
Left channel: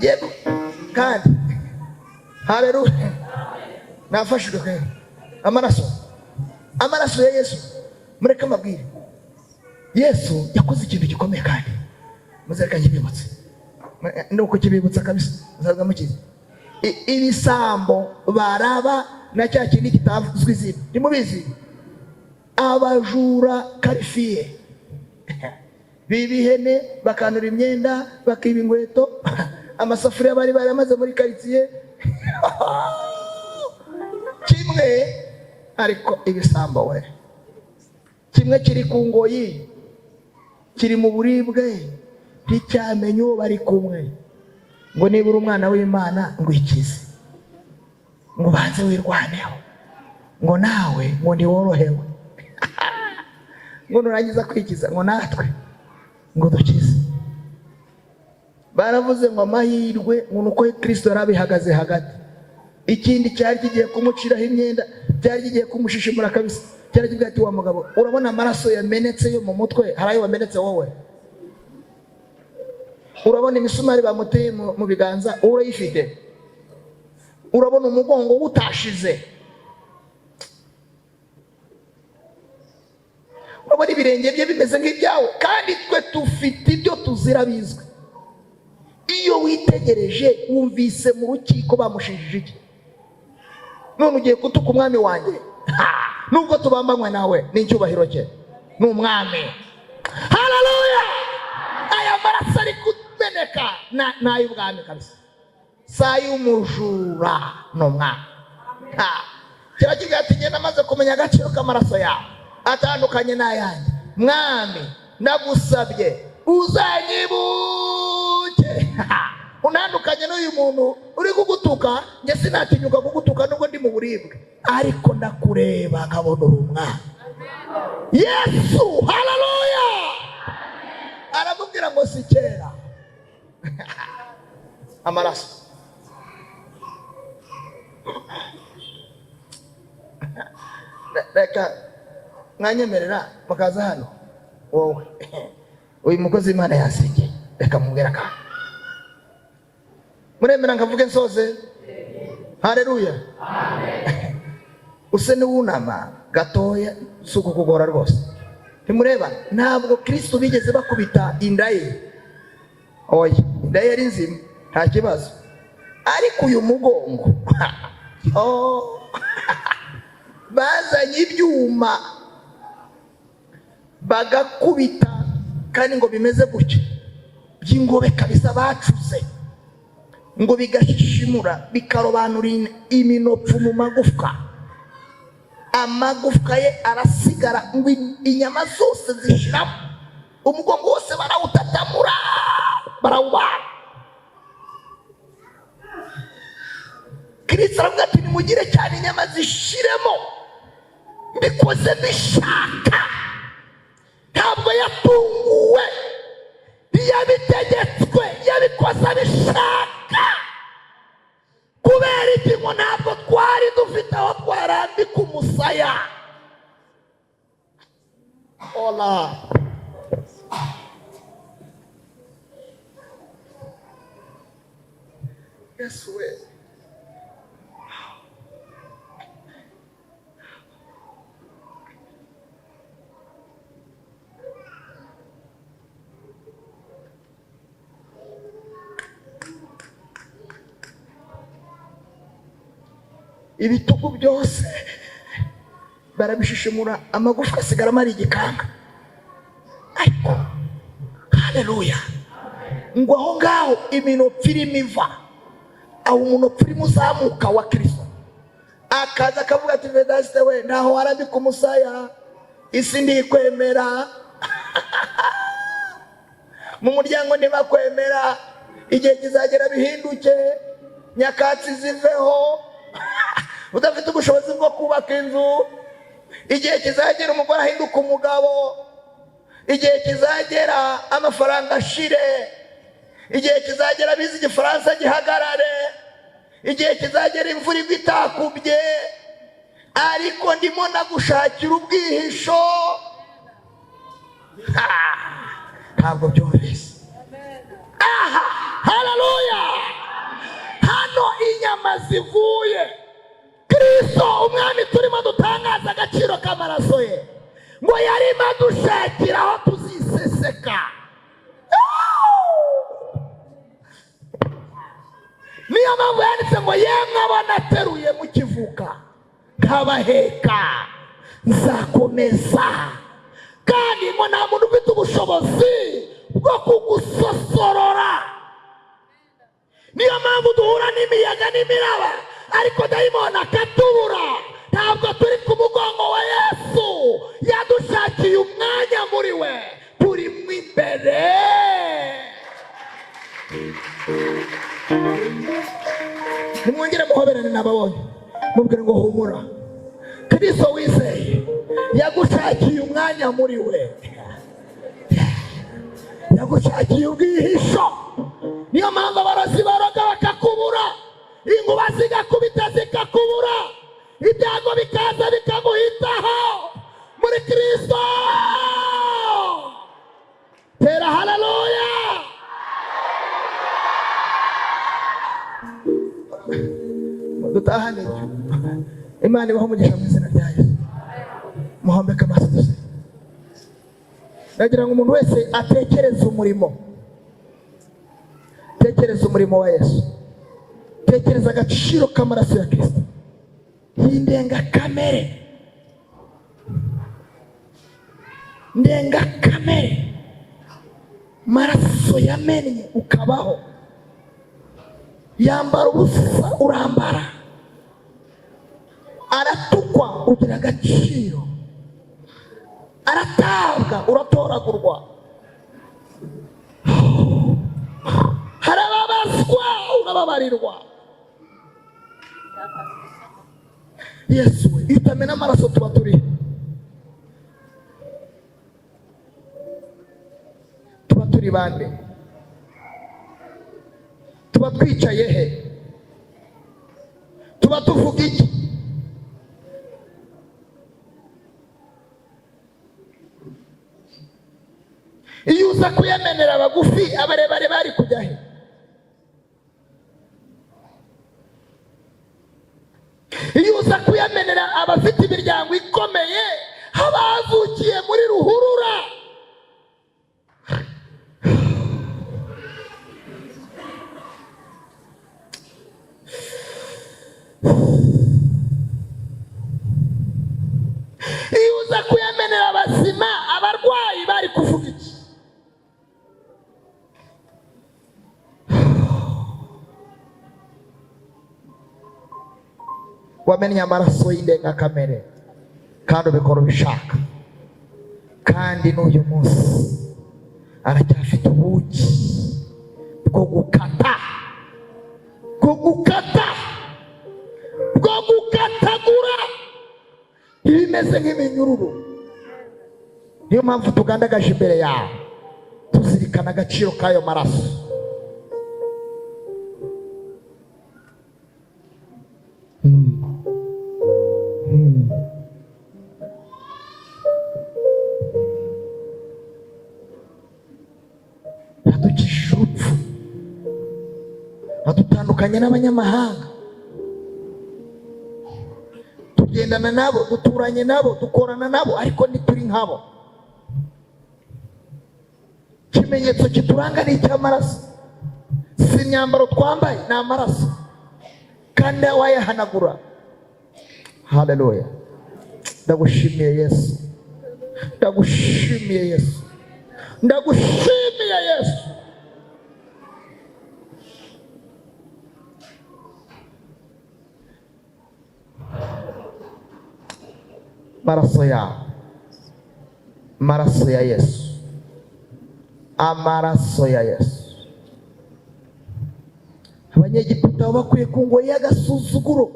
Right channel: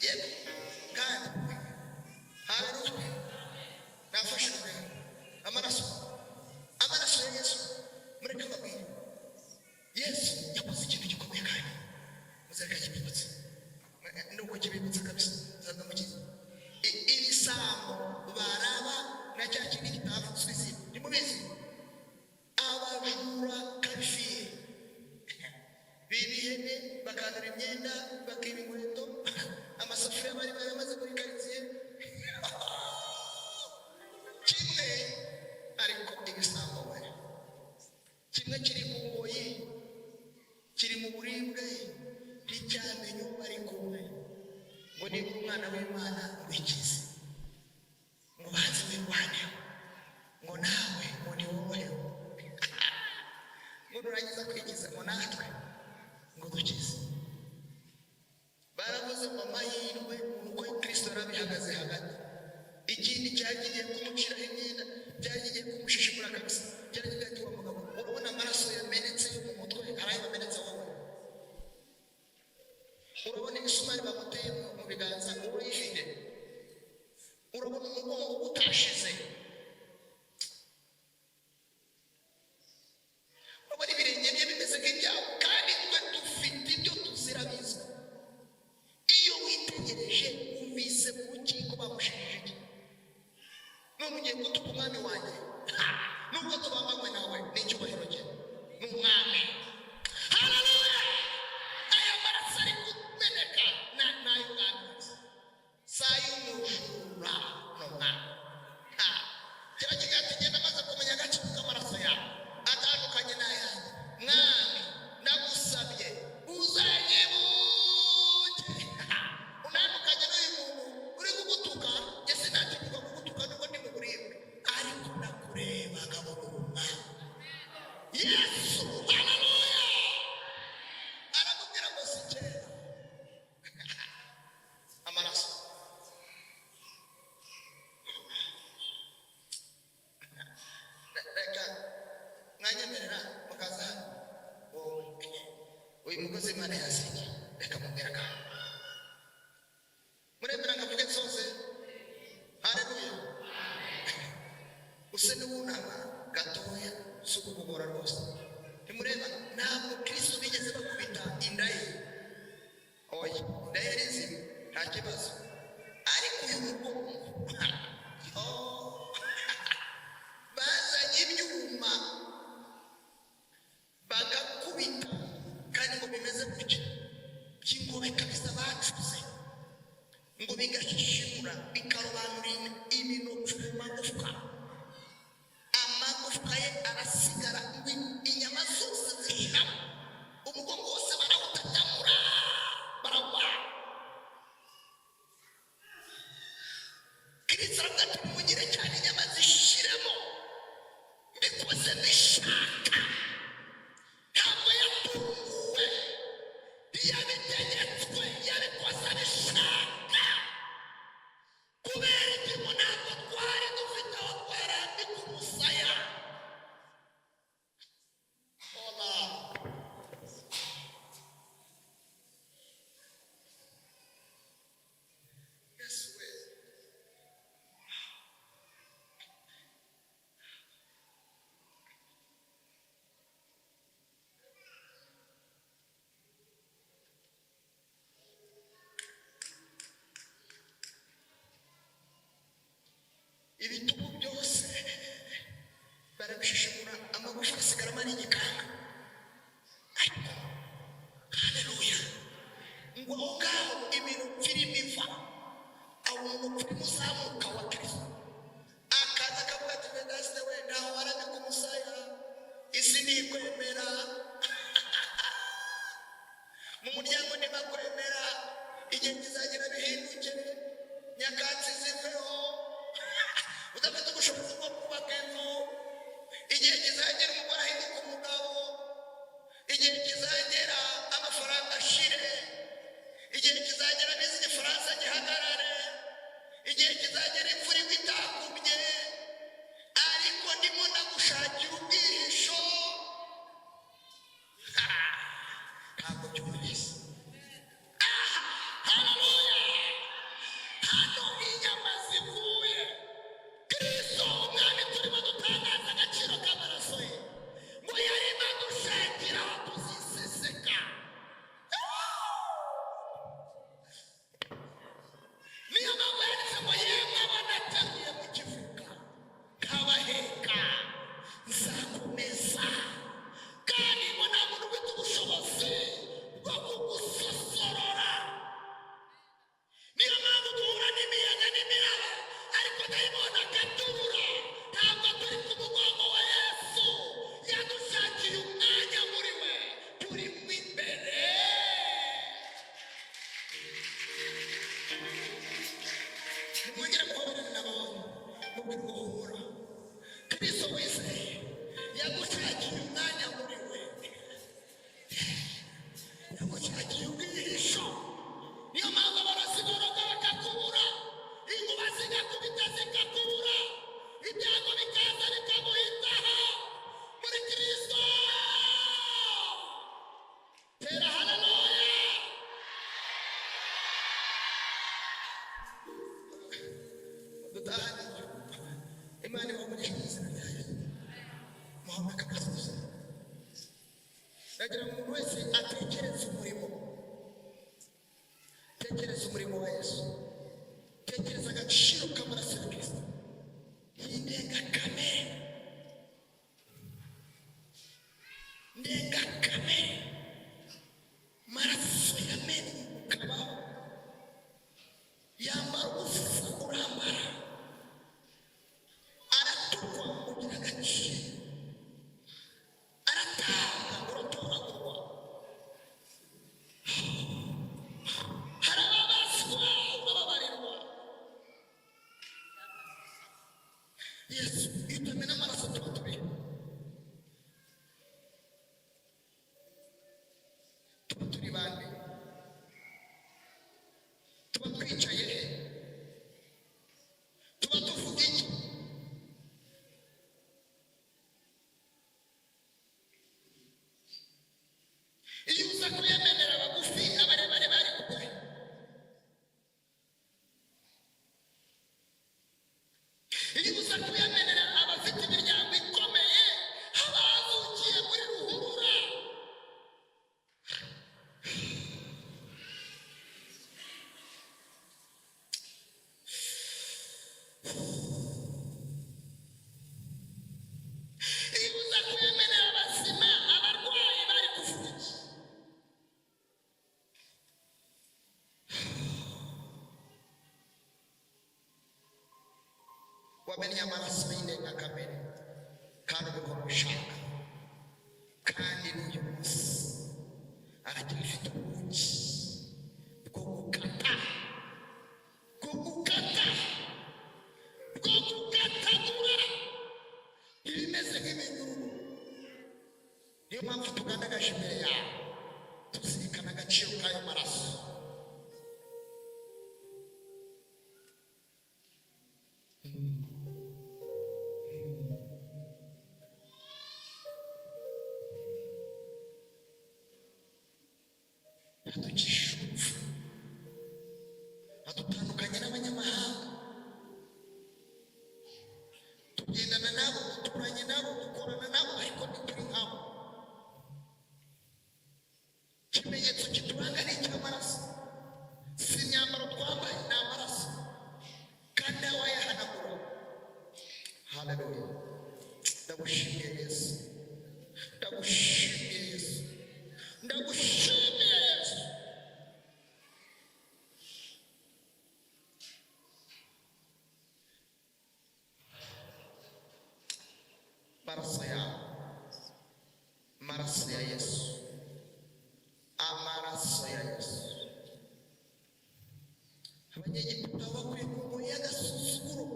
Yego kandi haleluya, nafashijwe kandi amaraso ya Yesu. Mureke mabwire, Yesu yakoze ikintu gikomeye kandi muzereka kibibutse, nuko kibibutsa kabisa. Muzaza mukizi ibisambo baraba na cya kindi kitavuzwe izina, ntimubizi? Abajura karifiye bibihene, bakanura imyenda, bakiba inkweto, amasafuriya bari baramaze muri karitsiye kimwe. Ariko ibisambo we, kimwe kiri ku ngoyi, kiri mu buribwe, nticyamenye uwo bari kumwe. Ngo niba uri umwana w'Imana ngo ikize, ngo banze wirwaneho, ngo nawe ngo ntiworohewe ngo nurangiza kwikiza ngo natwe ngo dukize. Baravuze ngo amahirwe ngo nuko Kristo yarabihagaze hagati. Ikindi cyari kigiye kumuciraho imyenda, cyari kigiye kumushishimura kabisa, cyari kigiye ati wa mugabo, urabona amaraso yamenetse yo mu mutwe, hari ayo wamenetse wowe? Urabona imisumari bamuteye mu biganza, urayifite? Urabona umugongo utashize? Urabona ibirenge bye bimeze nk'ibyawe? Kandi twe dufite ibyo tuzira bizwi. Iyo witegereje wumvise mu rukiko bamushinjije iki? None ugiye kutuka umwami wanjye? Nubwo tubambanywe nawe n'icyubahiro cye, ni umwami. Haleluya! Aya maraso ari kumeneka n'ay'ubwami kabisa, saa y'umujura ni umwami. Kira kigali ati ngenda maze kumenya agaciro k'amaraso yawe atandukanye n'ayanjye. Mwami ndagusabye uzanyibuke. Unandukanye n'uyu muntu uri kugutuka, njye sinatinyuka kugutuka nubwo ndi mu buribwe, ariko ndakureba nkabona uri umwami. Yesu, haleluya! Aramubwira ngo si kera amaraso. Reka mwanyemerera mukaza hano. Wowe uyu mukozi w'Imana yasengeye, reka mubwira kandi muremera nkavuge nsoze. Haleluya! Use niwunama gatoya, si ukukugora rwose. Ntimureba ntabwo Kristo bigeze bakubita inda ye. Oya, inda ye ari nzima, nta kibazo. Ariko uyu mugongo bazanye ibyuma bagakubita, kandi ngo bimeze gutya by'ingobe kabisa bacuze, ngo bigashishimura bikarobanura iminopfu mu magufwa. Amagufwa ye arasigara, ngo inyama zose zishiramo, umugongo wose barawutatamura, barawubara. Kristo aravuga ati nimugire cyane inyama zishiremo, mbikoze bishaka. Ntabwo yatunguwe, yabitegetswe, yabikoze bishaka. Kubera iki? Ngo ntabwo twari dufite aho twarambika umusaya. Ola Yesu we, ibitugu byose barabishishimura, amagufwa asigaramo ari igikanga. Ariko haleluya, ngo aho ngaho iminota irimo iva, aho umunota urimo uzamuka wa Kristo, akaza akavuga ati Vedaste we ntaho warambika umusaya, isi ndikwemera. Mu muryango ntibakwemera, igihe kizagera bihinduke, nyakatsi ziveho, udafite ubushobozi bwo kubaka inzu, igihe kizagera umugore ahinduka umugabo, igihe kizagera amafaranga ashire, igihe kizagera bize igifaransa gihagarare, igihe kizagera imvura igwa itakubye, ariko ndimo nagushakira ubwihisho. Ntabwo byumvise. Aha, haleluya. Hano inyama zivuye, Kristo umwami turimo dutangaza agaciro k'amaraso ye, ngo yarimo adushakira aho tuziseseka. Niyo mpamvu yanditse ngo yemwe abana ateruye mukivuka nkabaheka nzakomeza, kandi ngo nta muntu ufite ubushobozi bwo kugusosorora. Niyo mpamvu duhura n'imiyaga n'imiraba, ariko dayimoni akatubura. Ntabwo turi ku mugongo wa Yesu, yadushakiye umwanya muri we, turi mu imbere. Nimwongere muhoberane n'ababonye, mubwire ngo humura, Kristo wizeye yagushakiye umwanya muri we, yagushakiye ubwihisho. Niyo mpamvu abarozi baroga bakakubura, inkuba zigakubita zikakubura, ibyago bikaza bikaguhitaho. Muri Kristo tera haleluya. Dutahane Imana ibaho umugisha mu izina rya Yesu. Muhambeke amaso. Ndagira ngo umuntu wese atekereze umurimo, tekereza umurimo wa Yesu, tekereza agaciro k'amaraso ya Kristo y'indengakamere, ndengakamere, maraso yamennye ukabaho, yambara ubusa urambara, aratukwa ugira agaciro, aratabwa uratoragurwa, harababazwa urababarirwa. Yesu iyo utamena amaraso tuba turi bande? Tuba twicaye he? Tuba tuvuga iki? Iyo uza kuyamenera abagufi, abarebare bari kujya he? Iyo uza kuyamenera abafite imiryango ikomeye, abavukiye muri ruhurura, iyo uza kuyamenera abazima, abarwayi bari kuvuga iki? Wamennye amaraso y'indengakamere kandi ubikora ubishaka, kandi n'uyu munsi aracyafite ubuki bwo gukata, bwo gukatagura ibimeze nk'iminyururu. Niyo mpamvu tugandagaje imbere yawe, tuzirikana agaciro k'ayo maraso. Yadukijije urupfu, adutandukanya n'abanyamahanga, tugendana nabo, duturanye nabo, dukorana nabo, ariko ntituri nkabo. Ikimenyetso kituranga ni icy'amaraso, si imyambaro twambaye, ni amaraso, kandi wayahanagura. Haleluya. Ndagushimiye Yesu, ndagushimiye Yesu, ndagushimiye Yesu. Maraso yawe, maraso ya Yesu, amaraso ya Yesu. Abanyegiputa bakwiye ku ngoyi y'agasuzuguro,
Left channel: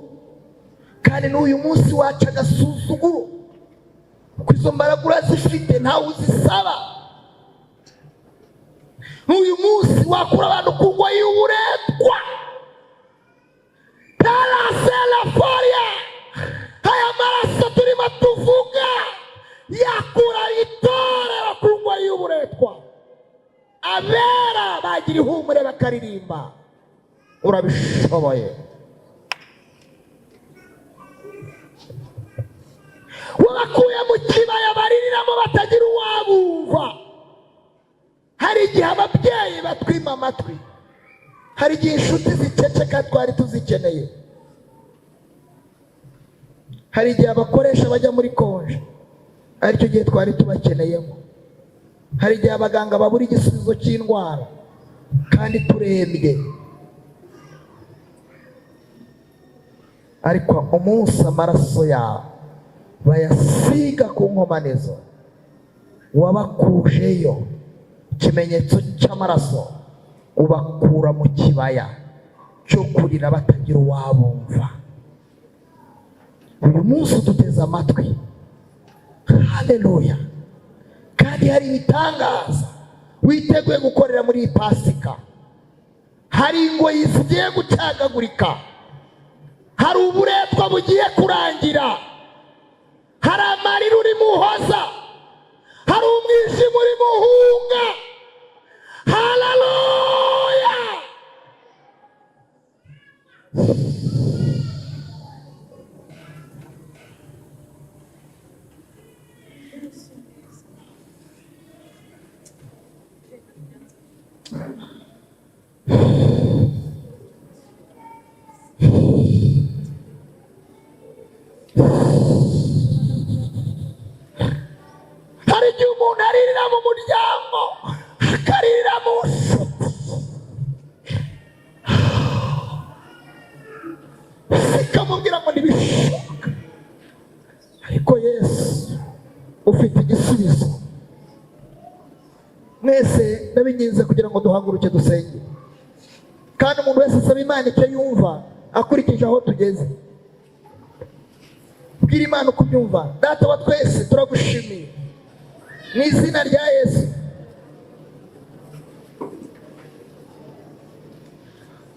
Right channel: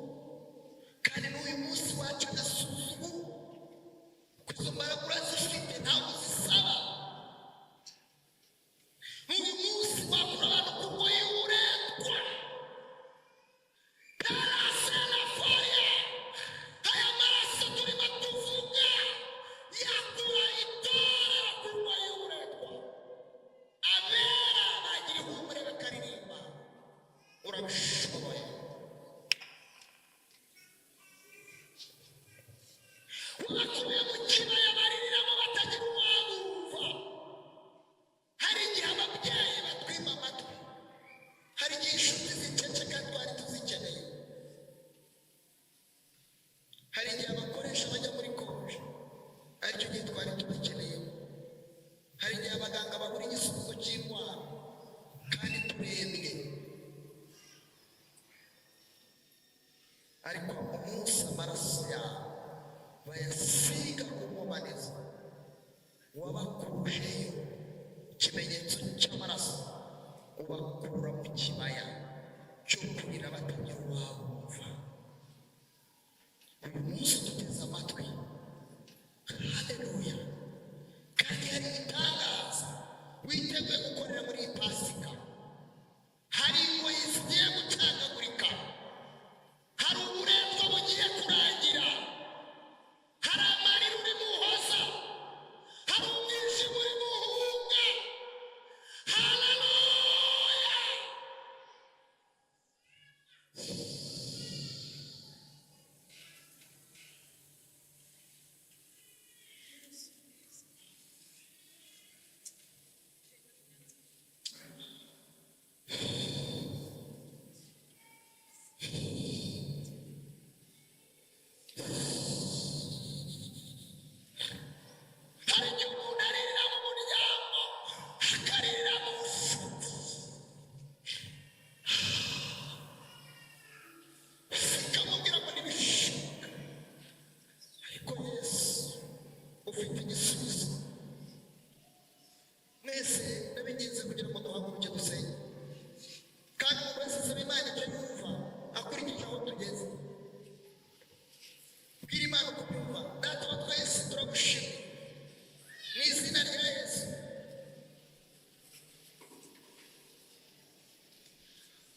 kandi n'uyu munsi waca agasuzuguro, kuko izo mbaraga urazifite ntawe uzisaba. N'uyu munsi wakura abantu ku ngoyi y'uburetwa. Taraselaforia, aya maraso turimo tuvuga yakura itorero ku ngoyi y'uburetwa. Abera bagira ihumure bakaririmba. Urabishoboye. Wabakuye mu kibaya baririramo batagira uwabumva. Hari igihe ababyeyi batwima amatwi, hari igihe inshuti ziceceka twari tuzikeneye, hari igihe abakoresha bajya muri konje aricyo gihe twari tubakeneyemo, hari igihe abaganga babura igisubizo cy'indwara kandi turembye. Ariko umunsi amaraso yawe bayasiga ku nkomanizo, wabakujeyo ikimenyetso cy'amaraso, ubakura mu kibaya cyo kurira batagira uwabumva. Uyu munsi duteze amatwi, haleluya, kandi hari ibitangaza witeguye gukorera muri iyi Pasika. Hari ingoyi zigiye gucagagurika, hari uburetwa bugiye kurangira, hari amarira uri muhoza, hari umwijima uri muhunga. Haleluya. Hari igihe umuntu aririra mu muryango, akaririra mu nshuti, zikamubwira ngo ntibishoboka. Ariko Yesu ufite igisubizo. Mwese ndabinginze kugira ngo duhaguruke dusenge, kandi umuntu wese asaba Imana icyo yumva akurikije aho tugeze. Bwira Imana uko ubyumva. Data wa twese turagushimiye mu izina rya Yesu.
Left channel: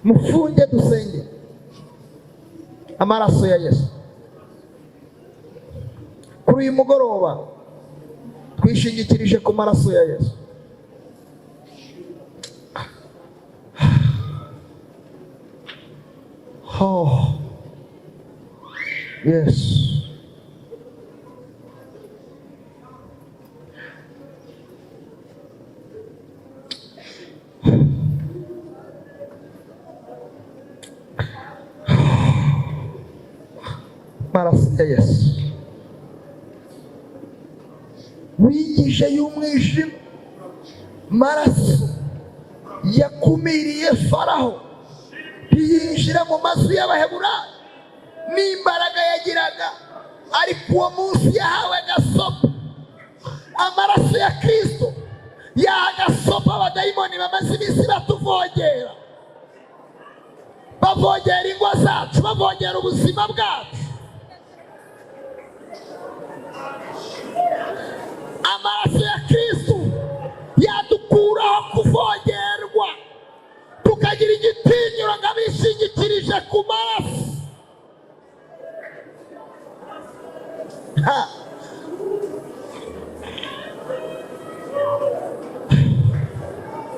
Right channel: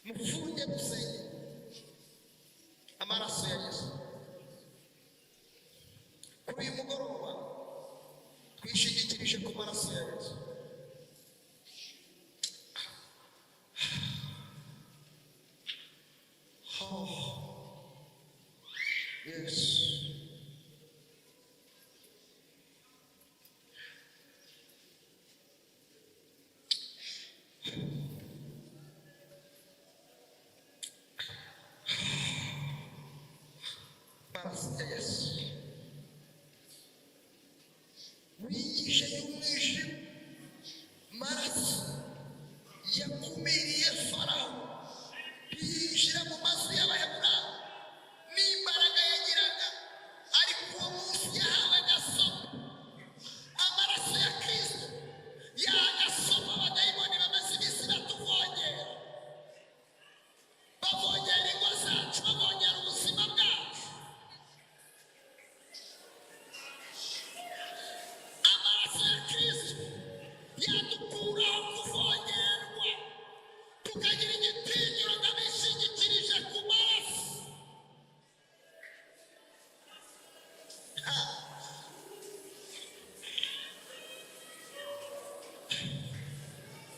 Mufunge dusenge. Amaraso ya Yesu. Kuri uyu mugoroba twishingikirije ku maraso ya Yesu. Oh, yes. Maraso ya Yesu. Wigisha y'umwijima, maraso yakumiriye Faraho ntiyinjira mu mazu y'Abaheburayo n'imbaraga yagiraga, ariko uwo munsi yahawe agasopo. Amaraso ya Kristo yaha agasopo abadayimoni bamaze iminsi batuvogera, bavogera ingo zacu, bavogera ubuzima bwacu. Amaraso ya Kristo yadukuraho kuvogerwa, tukagira igitinyiro ngo abishingikirije ku maraso.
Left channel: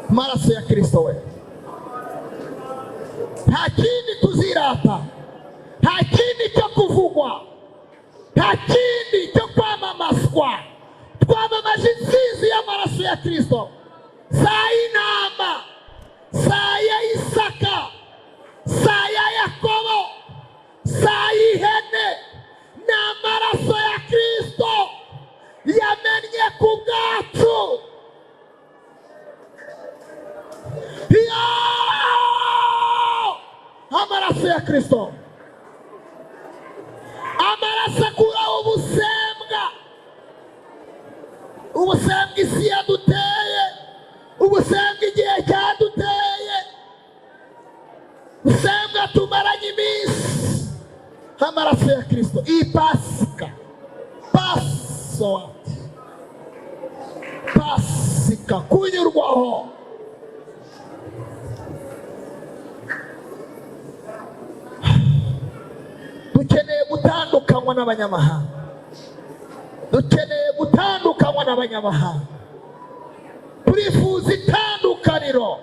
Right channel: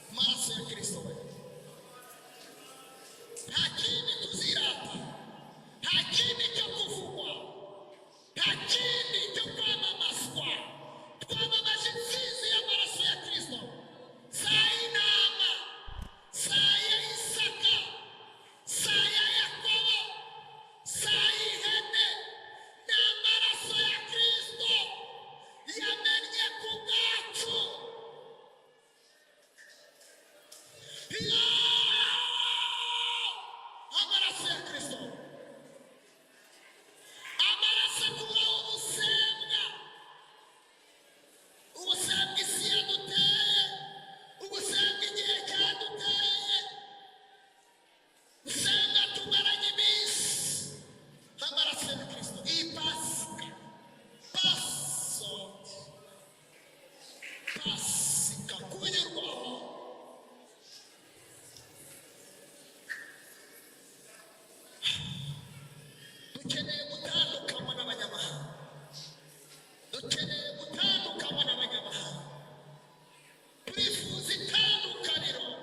Maraso ya Kristo we, nta kindi tuzirata, nta kindi cyo kuvugwa, nta kindi cyo kwamamazwa. Twamamaje intsinzi y'amaraso ya Kristo. Saa y'intama, saa ya Isaka, saa ya Yakobo, saa y'ihene, ni amaraso ya Kristo yamennye ku bwacu. Amaraso ya Kristo, amaraso akuraho ubusembwa, ubusembwa isi yaduteye, ubusembwa igihe cyaduteye, ubusembwa tumaranye iminsi. Amaraso ya Kristo, iyi pasika, pasika kunyurwaho. Dukeneye gutandukanywa n'abanyamahanga, dukeneye gutandukanywa n'abanyamahanga, turifuza itandukaniro.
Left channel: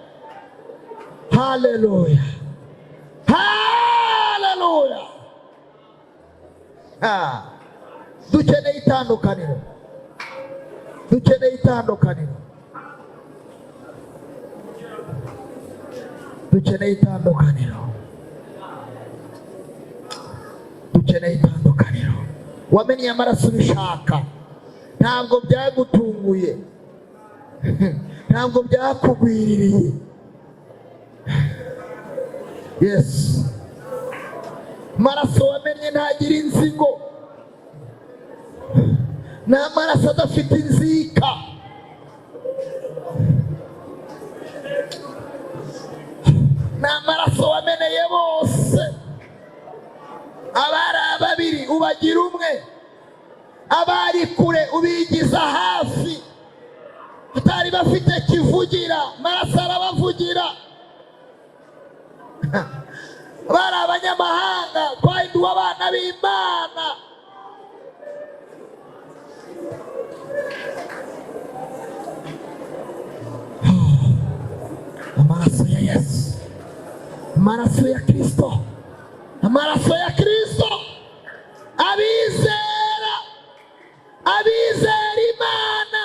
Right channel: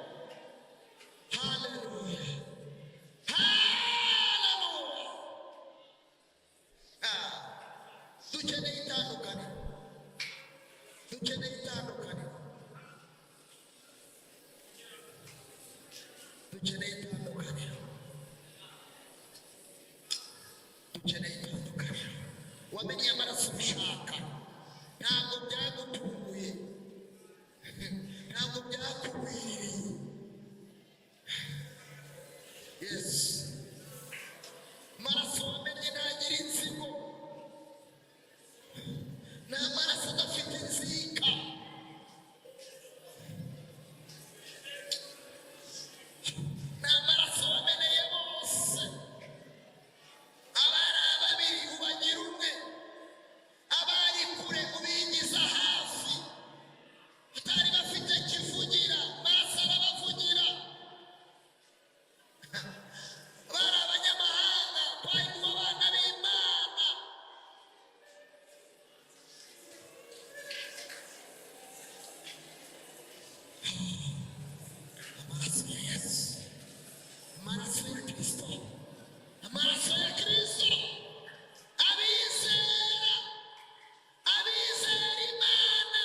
Haleluya, haleluya. Dukeneye itandukaniro, dukeneye itandukaniro, dukeneye itandukaniro, dukeneye itandukaniro. Wamenye amaraso ubishaka, ntabwo byagutunguye, ntabwo byakugwiririye. Yes, amaraso wamenye ntagira inzigo, ni amaraso adafite inzika. Ni amaraso wameneye bose, abari babiri ubagira umwe, abari kure ubigiza hafi, batari bafite kivugira, amaraso arabavugira. Bari abanyamahanga, twahinduwe abana b'Imana. Amaraso ya Yesu, amaraso ya Kristo, amaraso ya Kristo. Abizera, abizera Imana,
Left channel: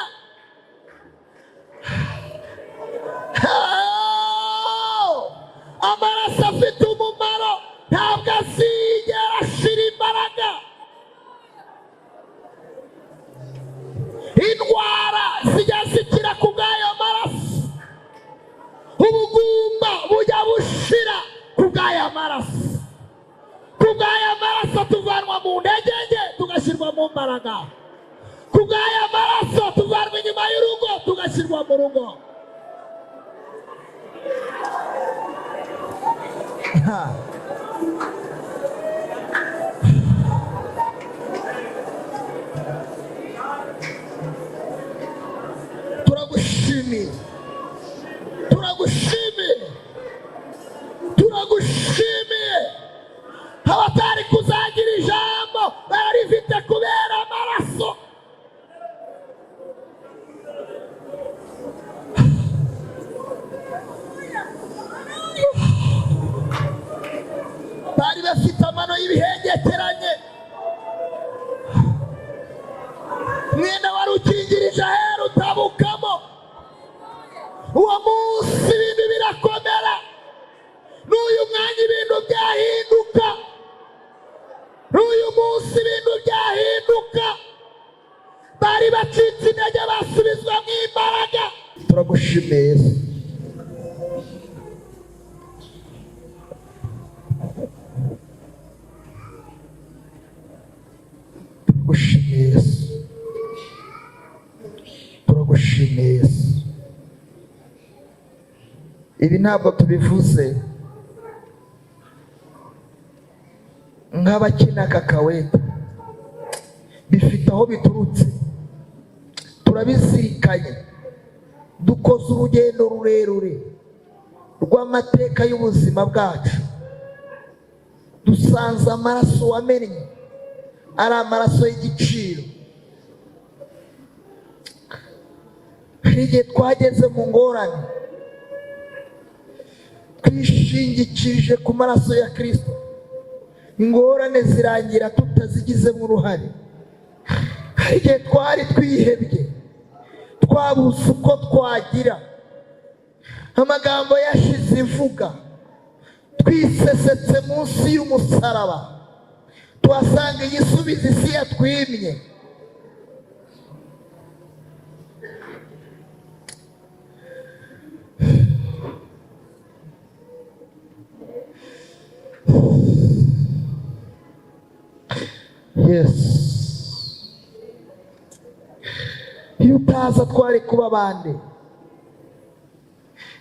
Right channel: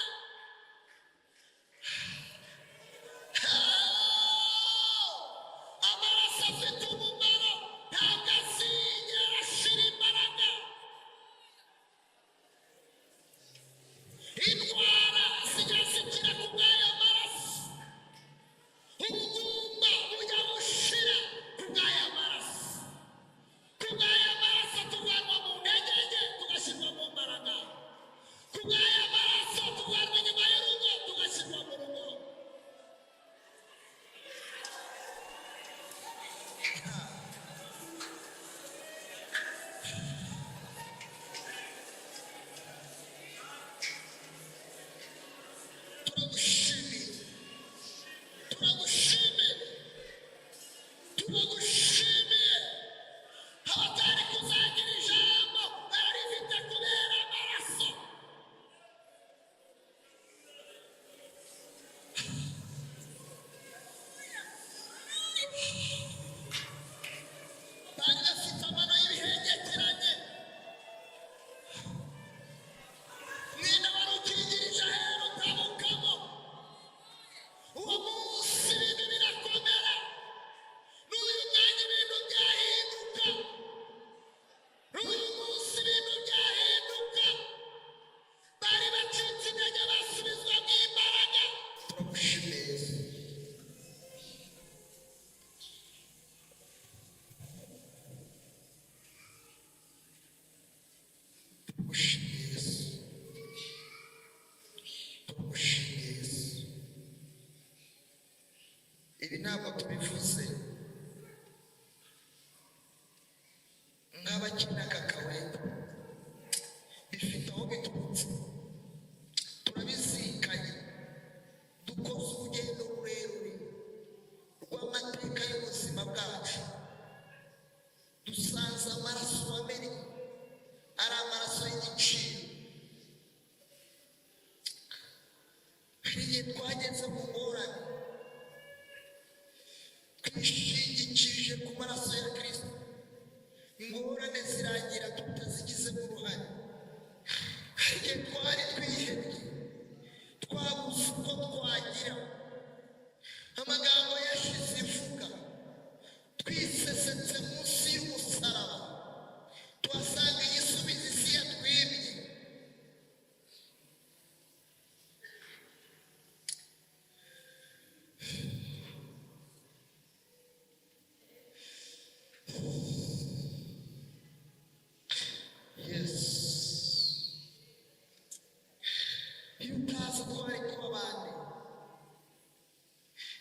amaraso afite umumaro, ntabwo azigera ashira imbaraga. Indwara zijya zikira ku bw'ayo maraso, ubugumba bujya bushira ku bw'ayo maraso. Ku bw'ayo maraso tuvanwa mu ntege nke tugashyirwa mu mbaraga, ku bw'ayo maraso tuvanwa inyuma y'urugo tugashyirwa mu rugo. Turagushimiye, turagushimiye, turagushimiye. Abatari kuzagira ijambo bararifite kubera amaraso. Bari bafite amano y'ibihengekeranye, mwenda wari ukingirije ahera utabukamo. Uwo munsi ibintu birakomera, n'uyu mwanya ibintu byahinduka, n'uyu munsi ibintu byahinduka. Bari bacitse intege basubizwa mu imbaraga. Turagushimiye, turagushimiye Yesu, turagushimiye Yesu. Ibi ntabwo tubivuze nk'abakina kakaweta, bifite aho biturutse, turabizirikanye. Dukoze urugendo rurerure rw'amateka y'ubuzima bwacu, dusanze amaraso wamennye ari amaraso y'igiciro. Hari igihe twageze mu ngorane, twishingikirije ku maraso ya Kristo, ingorane zirangira tutazigizemo uruhare. Hari igihe twari twihebye, twabuze uko twagira, amagambo yashize ivuga, twisesetse munsi y'umusaraba, tuhasanga igisubizo isi yatwimye. Yes, iyo utaza kuba bande?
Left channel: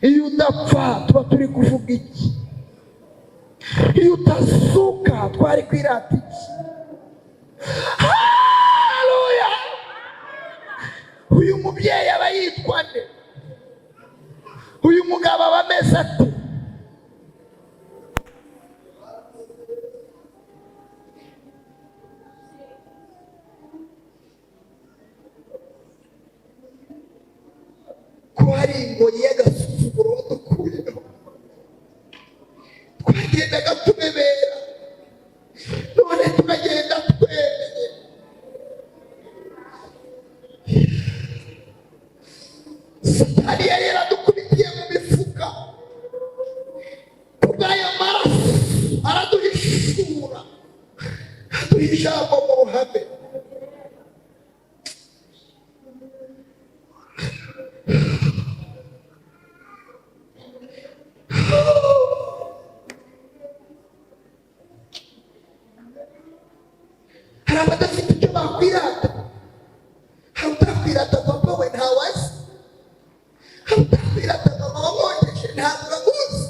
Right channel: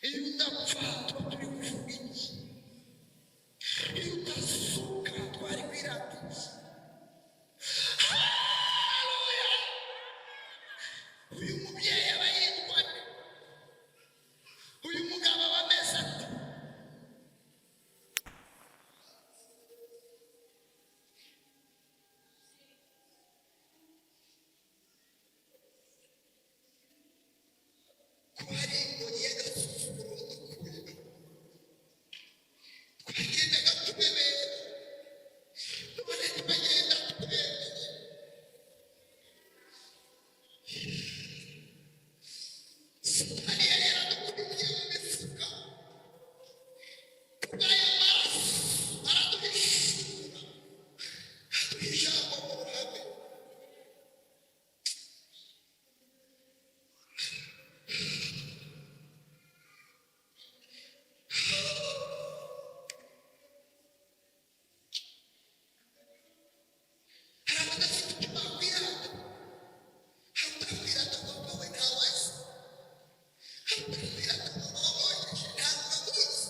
Iyo udapfa tuba turi kuvuga iki? Iyo utazuka twari kwirata iki? Haleluya! Uyu mubyeyi aba yitwa nde? Uyu mugabo aba ameze ate? Ko hari ingoyi y'agasuzuguro wadukuyeho, twagendaga tumebera, none turagenda twemeye. Satani yari yaradukubitiye mu mifuka, kubw'ayo maraso araduhishura, aduha ijambo mu ruhame. Hari abadafite icyo bakwirata. Hari utakwirata papa we ntawazi. Hari utakwirata mama wamwogeje ntabwo uramuzi.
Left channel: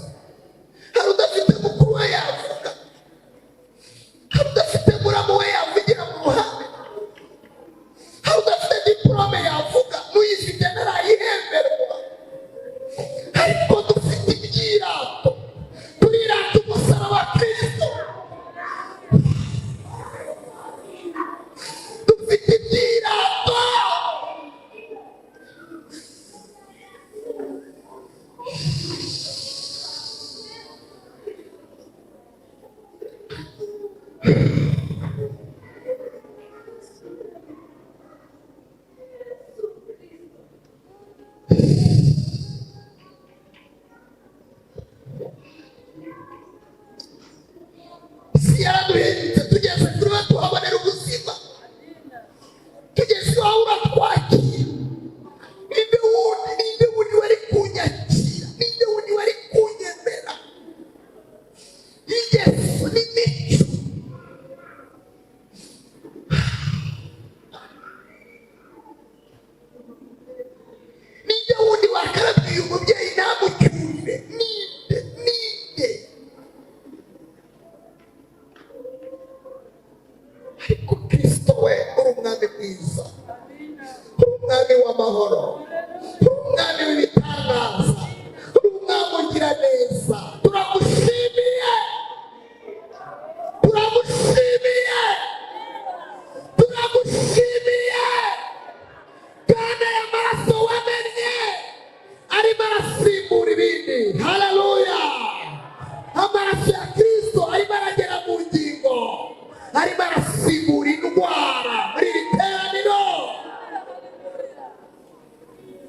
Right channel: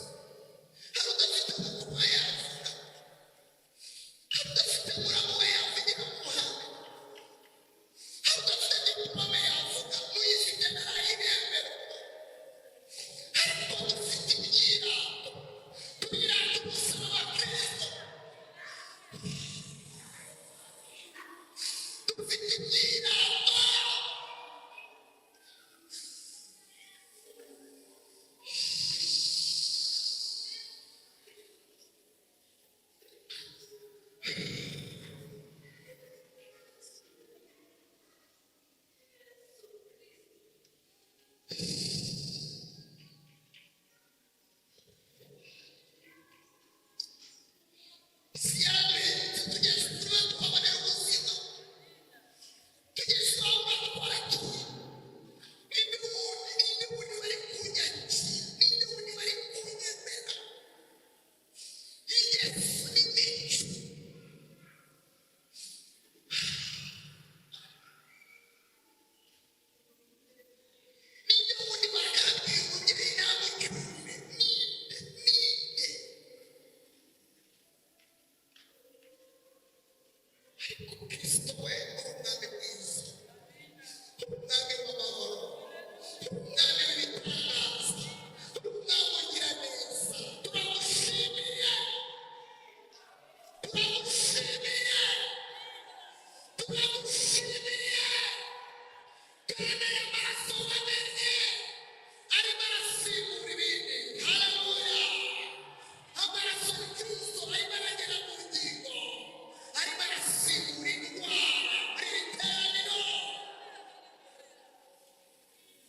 Hari udafite mukuru we yavuga. Hari udafite muramu we yavugira mu ruhame. Hari udafite diplome yavuga n'uyifite ntarayihemberwa. Ariko dufite ibyirato, turirata umusaraba wa Kristo. Dufite ibyirato. Si yaraduhindutse tugeze kuri we tuhabonera ubuzima, tugeze iwawe uratwakira. Ninde wundi wari kunyakira? Ninde wundi wari kunyemera? Ingeso n'imico. Ninde wundi wakarabye uyu mubyeyi ntamucyurire? Ninde? Ariko Kristo we uri umwami mwiza, uri umwami w'amahoro, uri umwami w'ibitangaza, uri umwami ugira neza. Turagushimiye, turagushimiye, turagushimiye. Kandi aya maraso wamennye arimo arasimbura ibindi. Haleluya! Amaraso ya Kristo arimo aragera mu ngingo, arimo arasimbura indwara muri iri teraniro.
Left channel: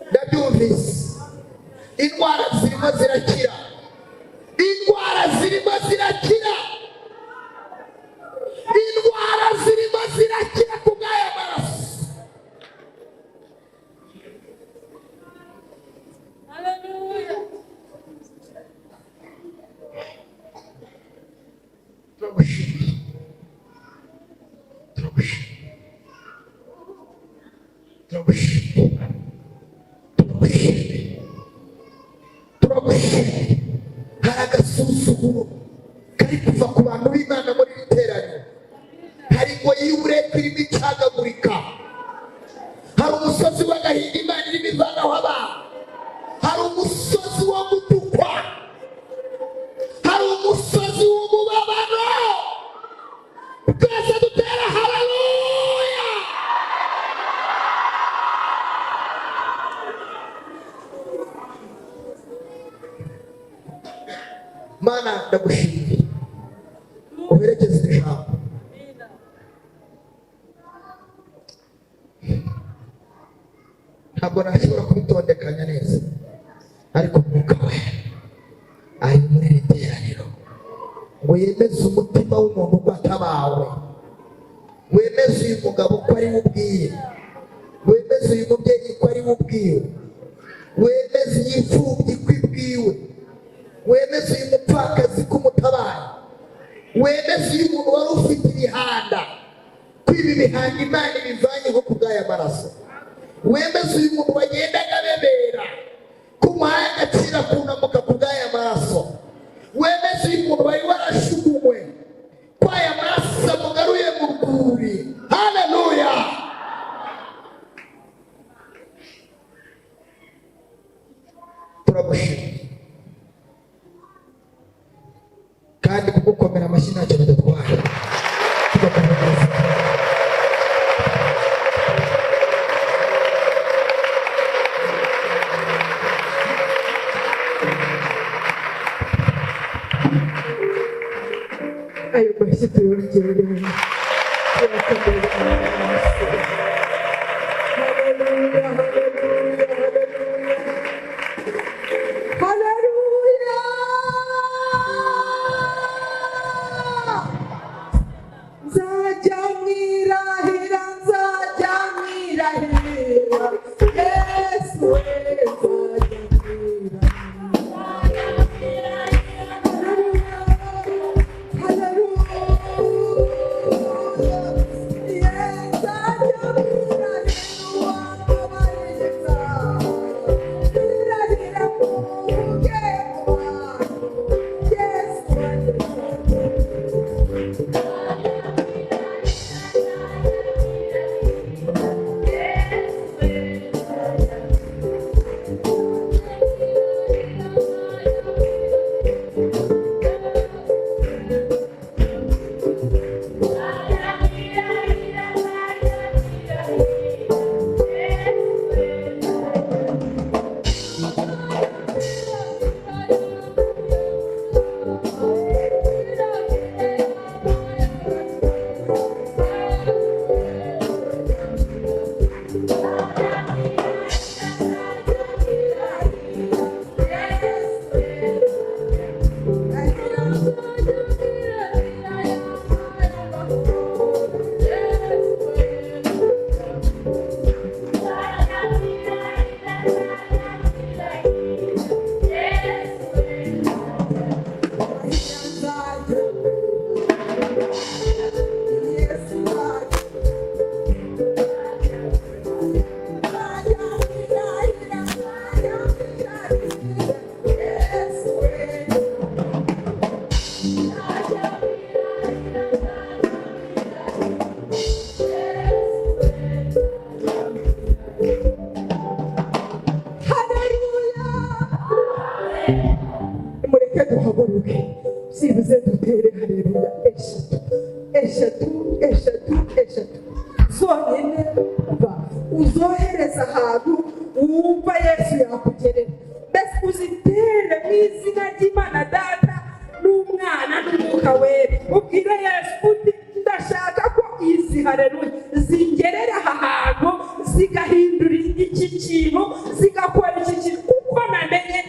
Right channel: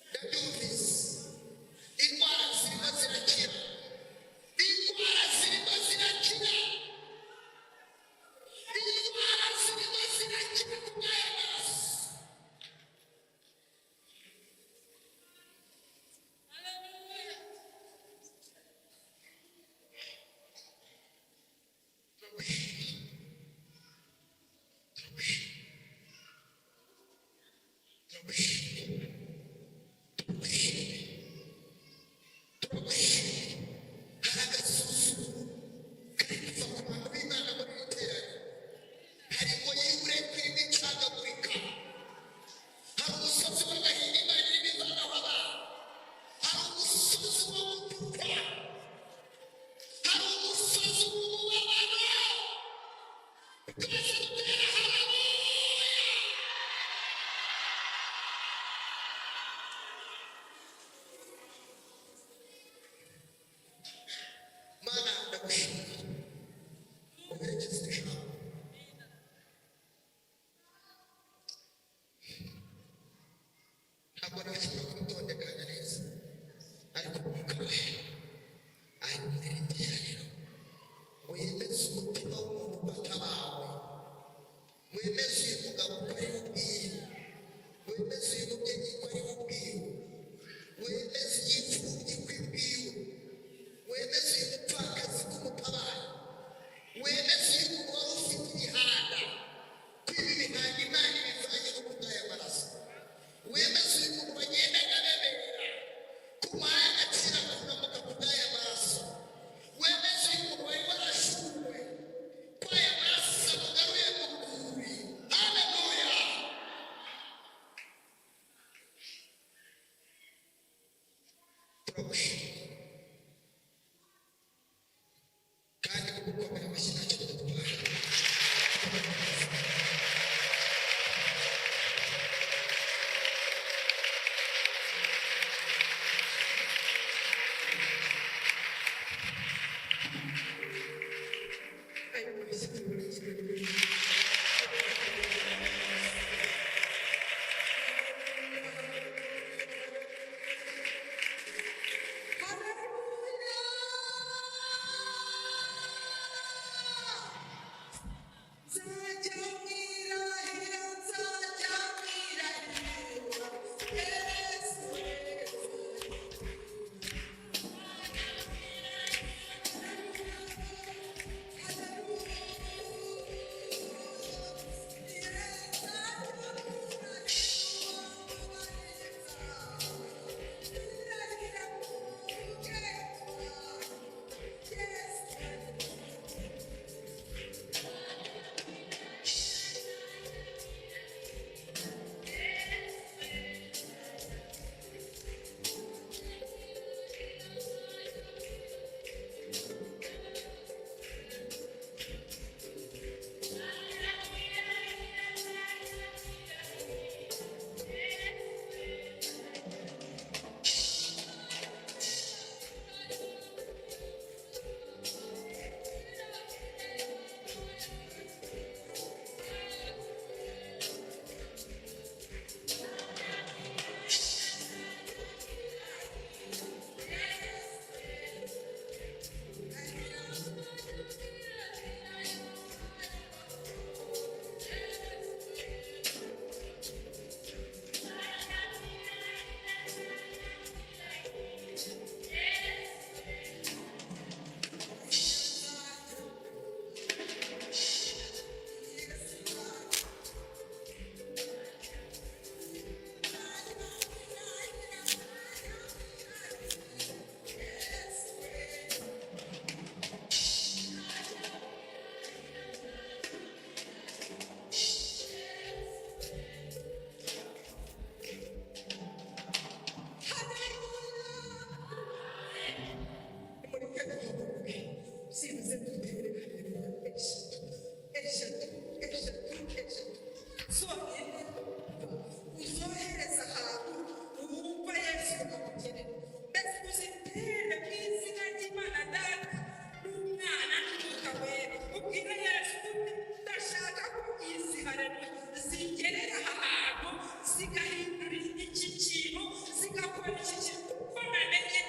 Ndabyumvise, indwara zirimo zirakira, indwara zirimo zirakira, indwara zirimo zirakira ku bw'aya maraso. Turagushimiye, turagushimiye, turagushimiye, turagushimiye, turagushimiye. Hari agasuzuguro kari kuva ku bantu b'Imana muri iri teraniro. Hari ingoyi y'uburetwa irimo icagagurika. Hari umusozi w'agahinda Imana irimo ivanaho abantu. Hari umusozi wo gutukwa. Hari umusozi w'umubabaro. Twese dutera haleluya. Mana ndagushimiye, uherekeze iri jambo. Ntabwo nashobora kubitondekanya neza, ariko Mwuka we ari muri iri teraniro ngo yemeze umutima w'umuntu uko atabawe, wemeze uyu mugabo ko ari we ubwiye, wemeze uyu mubyeyi ko ari we ubwiwe, wemeze iyi mfubyi ko ibwiwe, wemeze uyu mupfakazi ko umutabaye, wemeze uyu muntu wari ufite ibihanda ko ibi bihanga Imana ibivanyeho ku bw'aya maraso. wemeze uyu muntu wagendaga bebera kumuhaye agaciro akunamuka ku bw'aya maraso, wemeze uyu muntu wari warashugunywe ko aya maraso amugaruye mu rwuri. Haleluya! turagushimira kandi kugukomera amashyi ntacyo bidatwara. tugakomeza ayo mashyi tuyongereye. sibuze dutere haleluya eshatu zonyine uzohereza ahantu wumva Yesu yakugerera. Mbese uzitere mu izina ry'Imana Data n'Umwana n'Umwuka Wera, ubwire Yesu uti ndashaka ko izi haleluya zingerera aha hantu zigahindura iki kintu zigakora iki kintu kuko namenye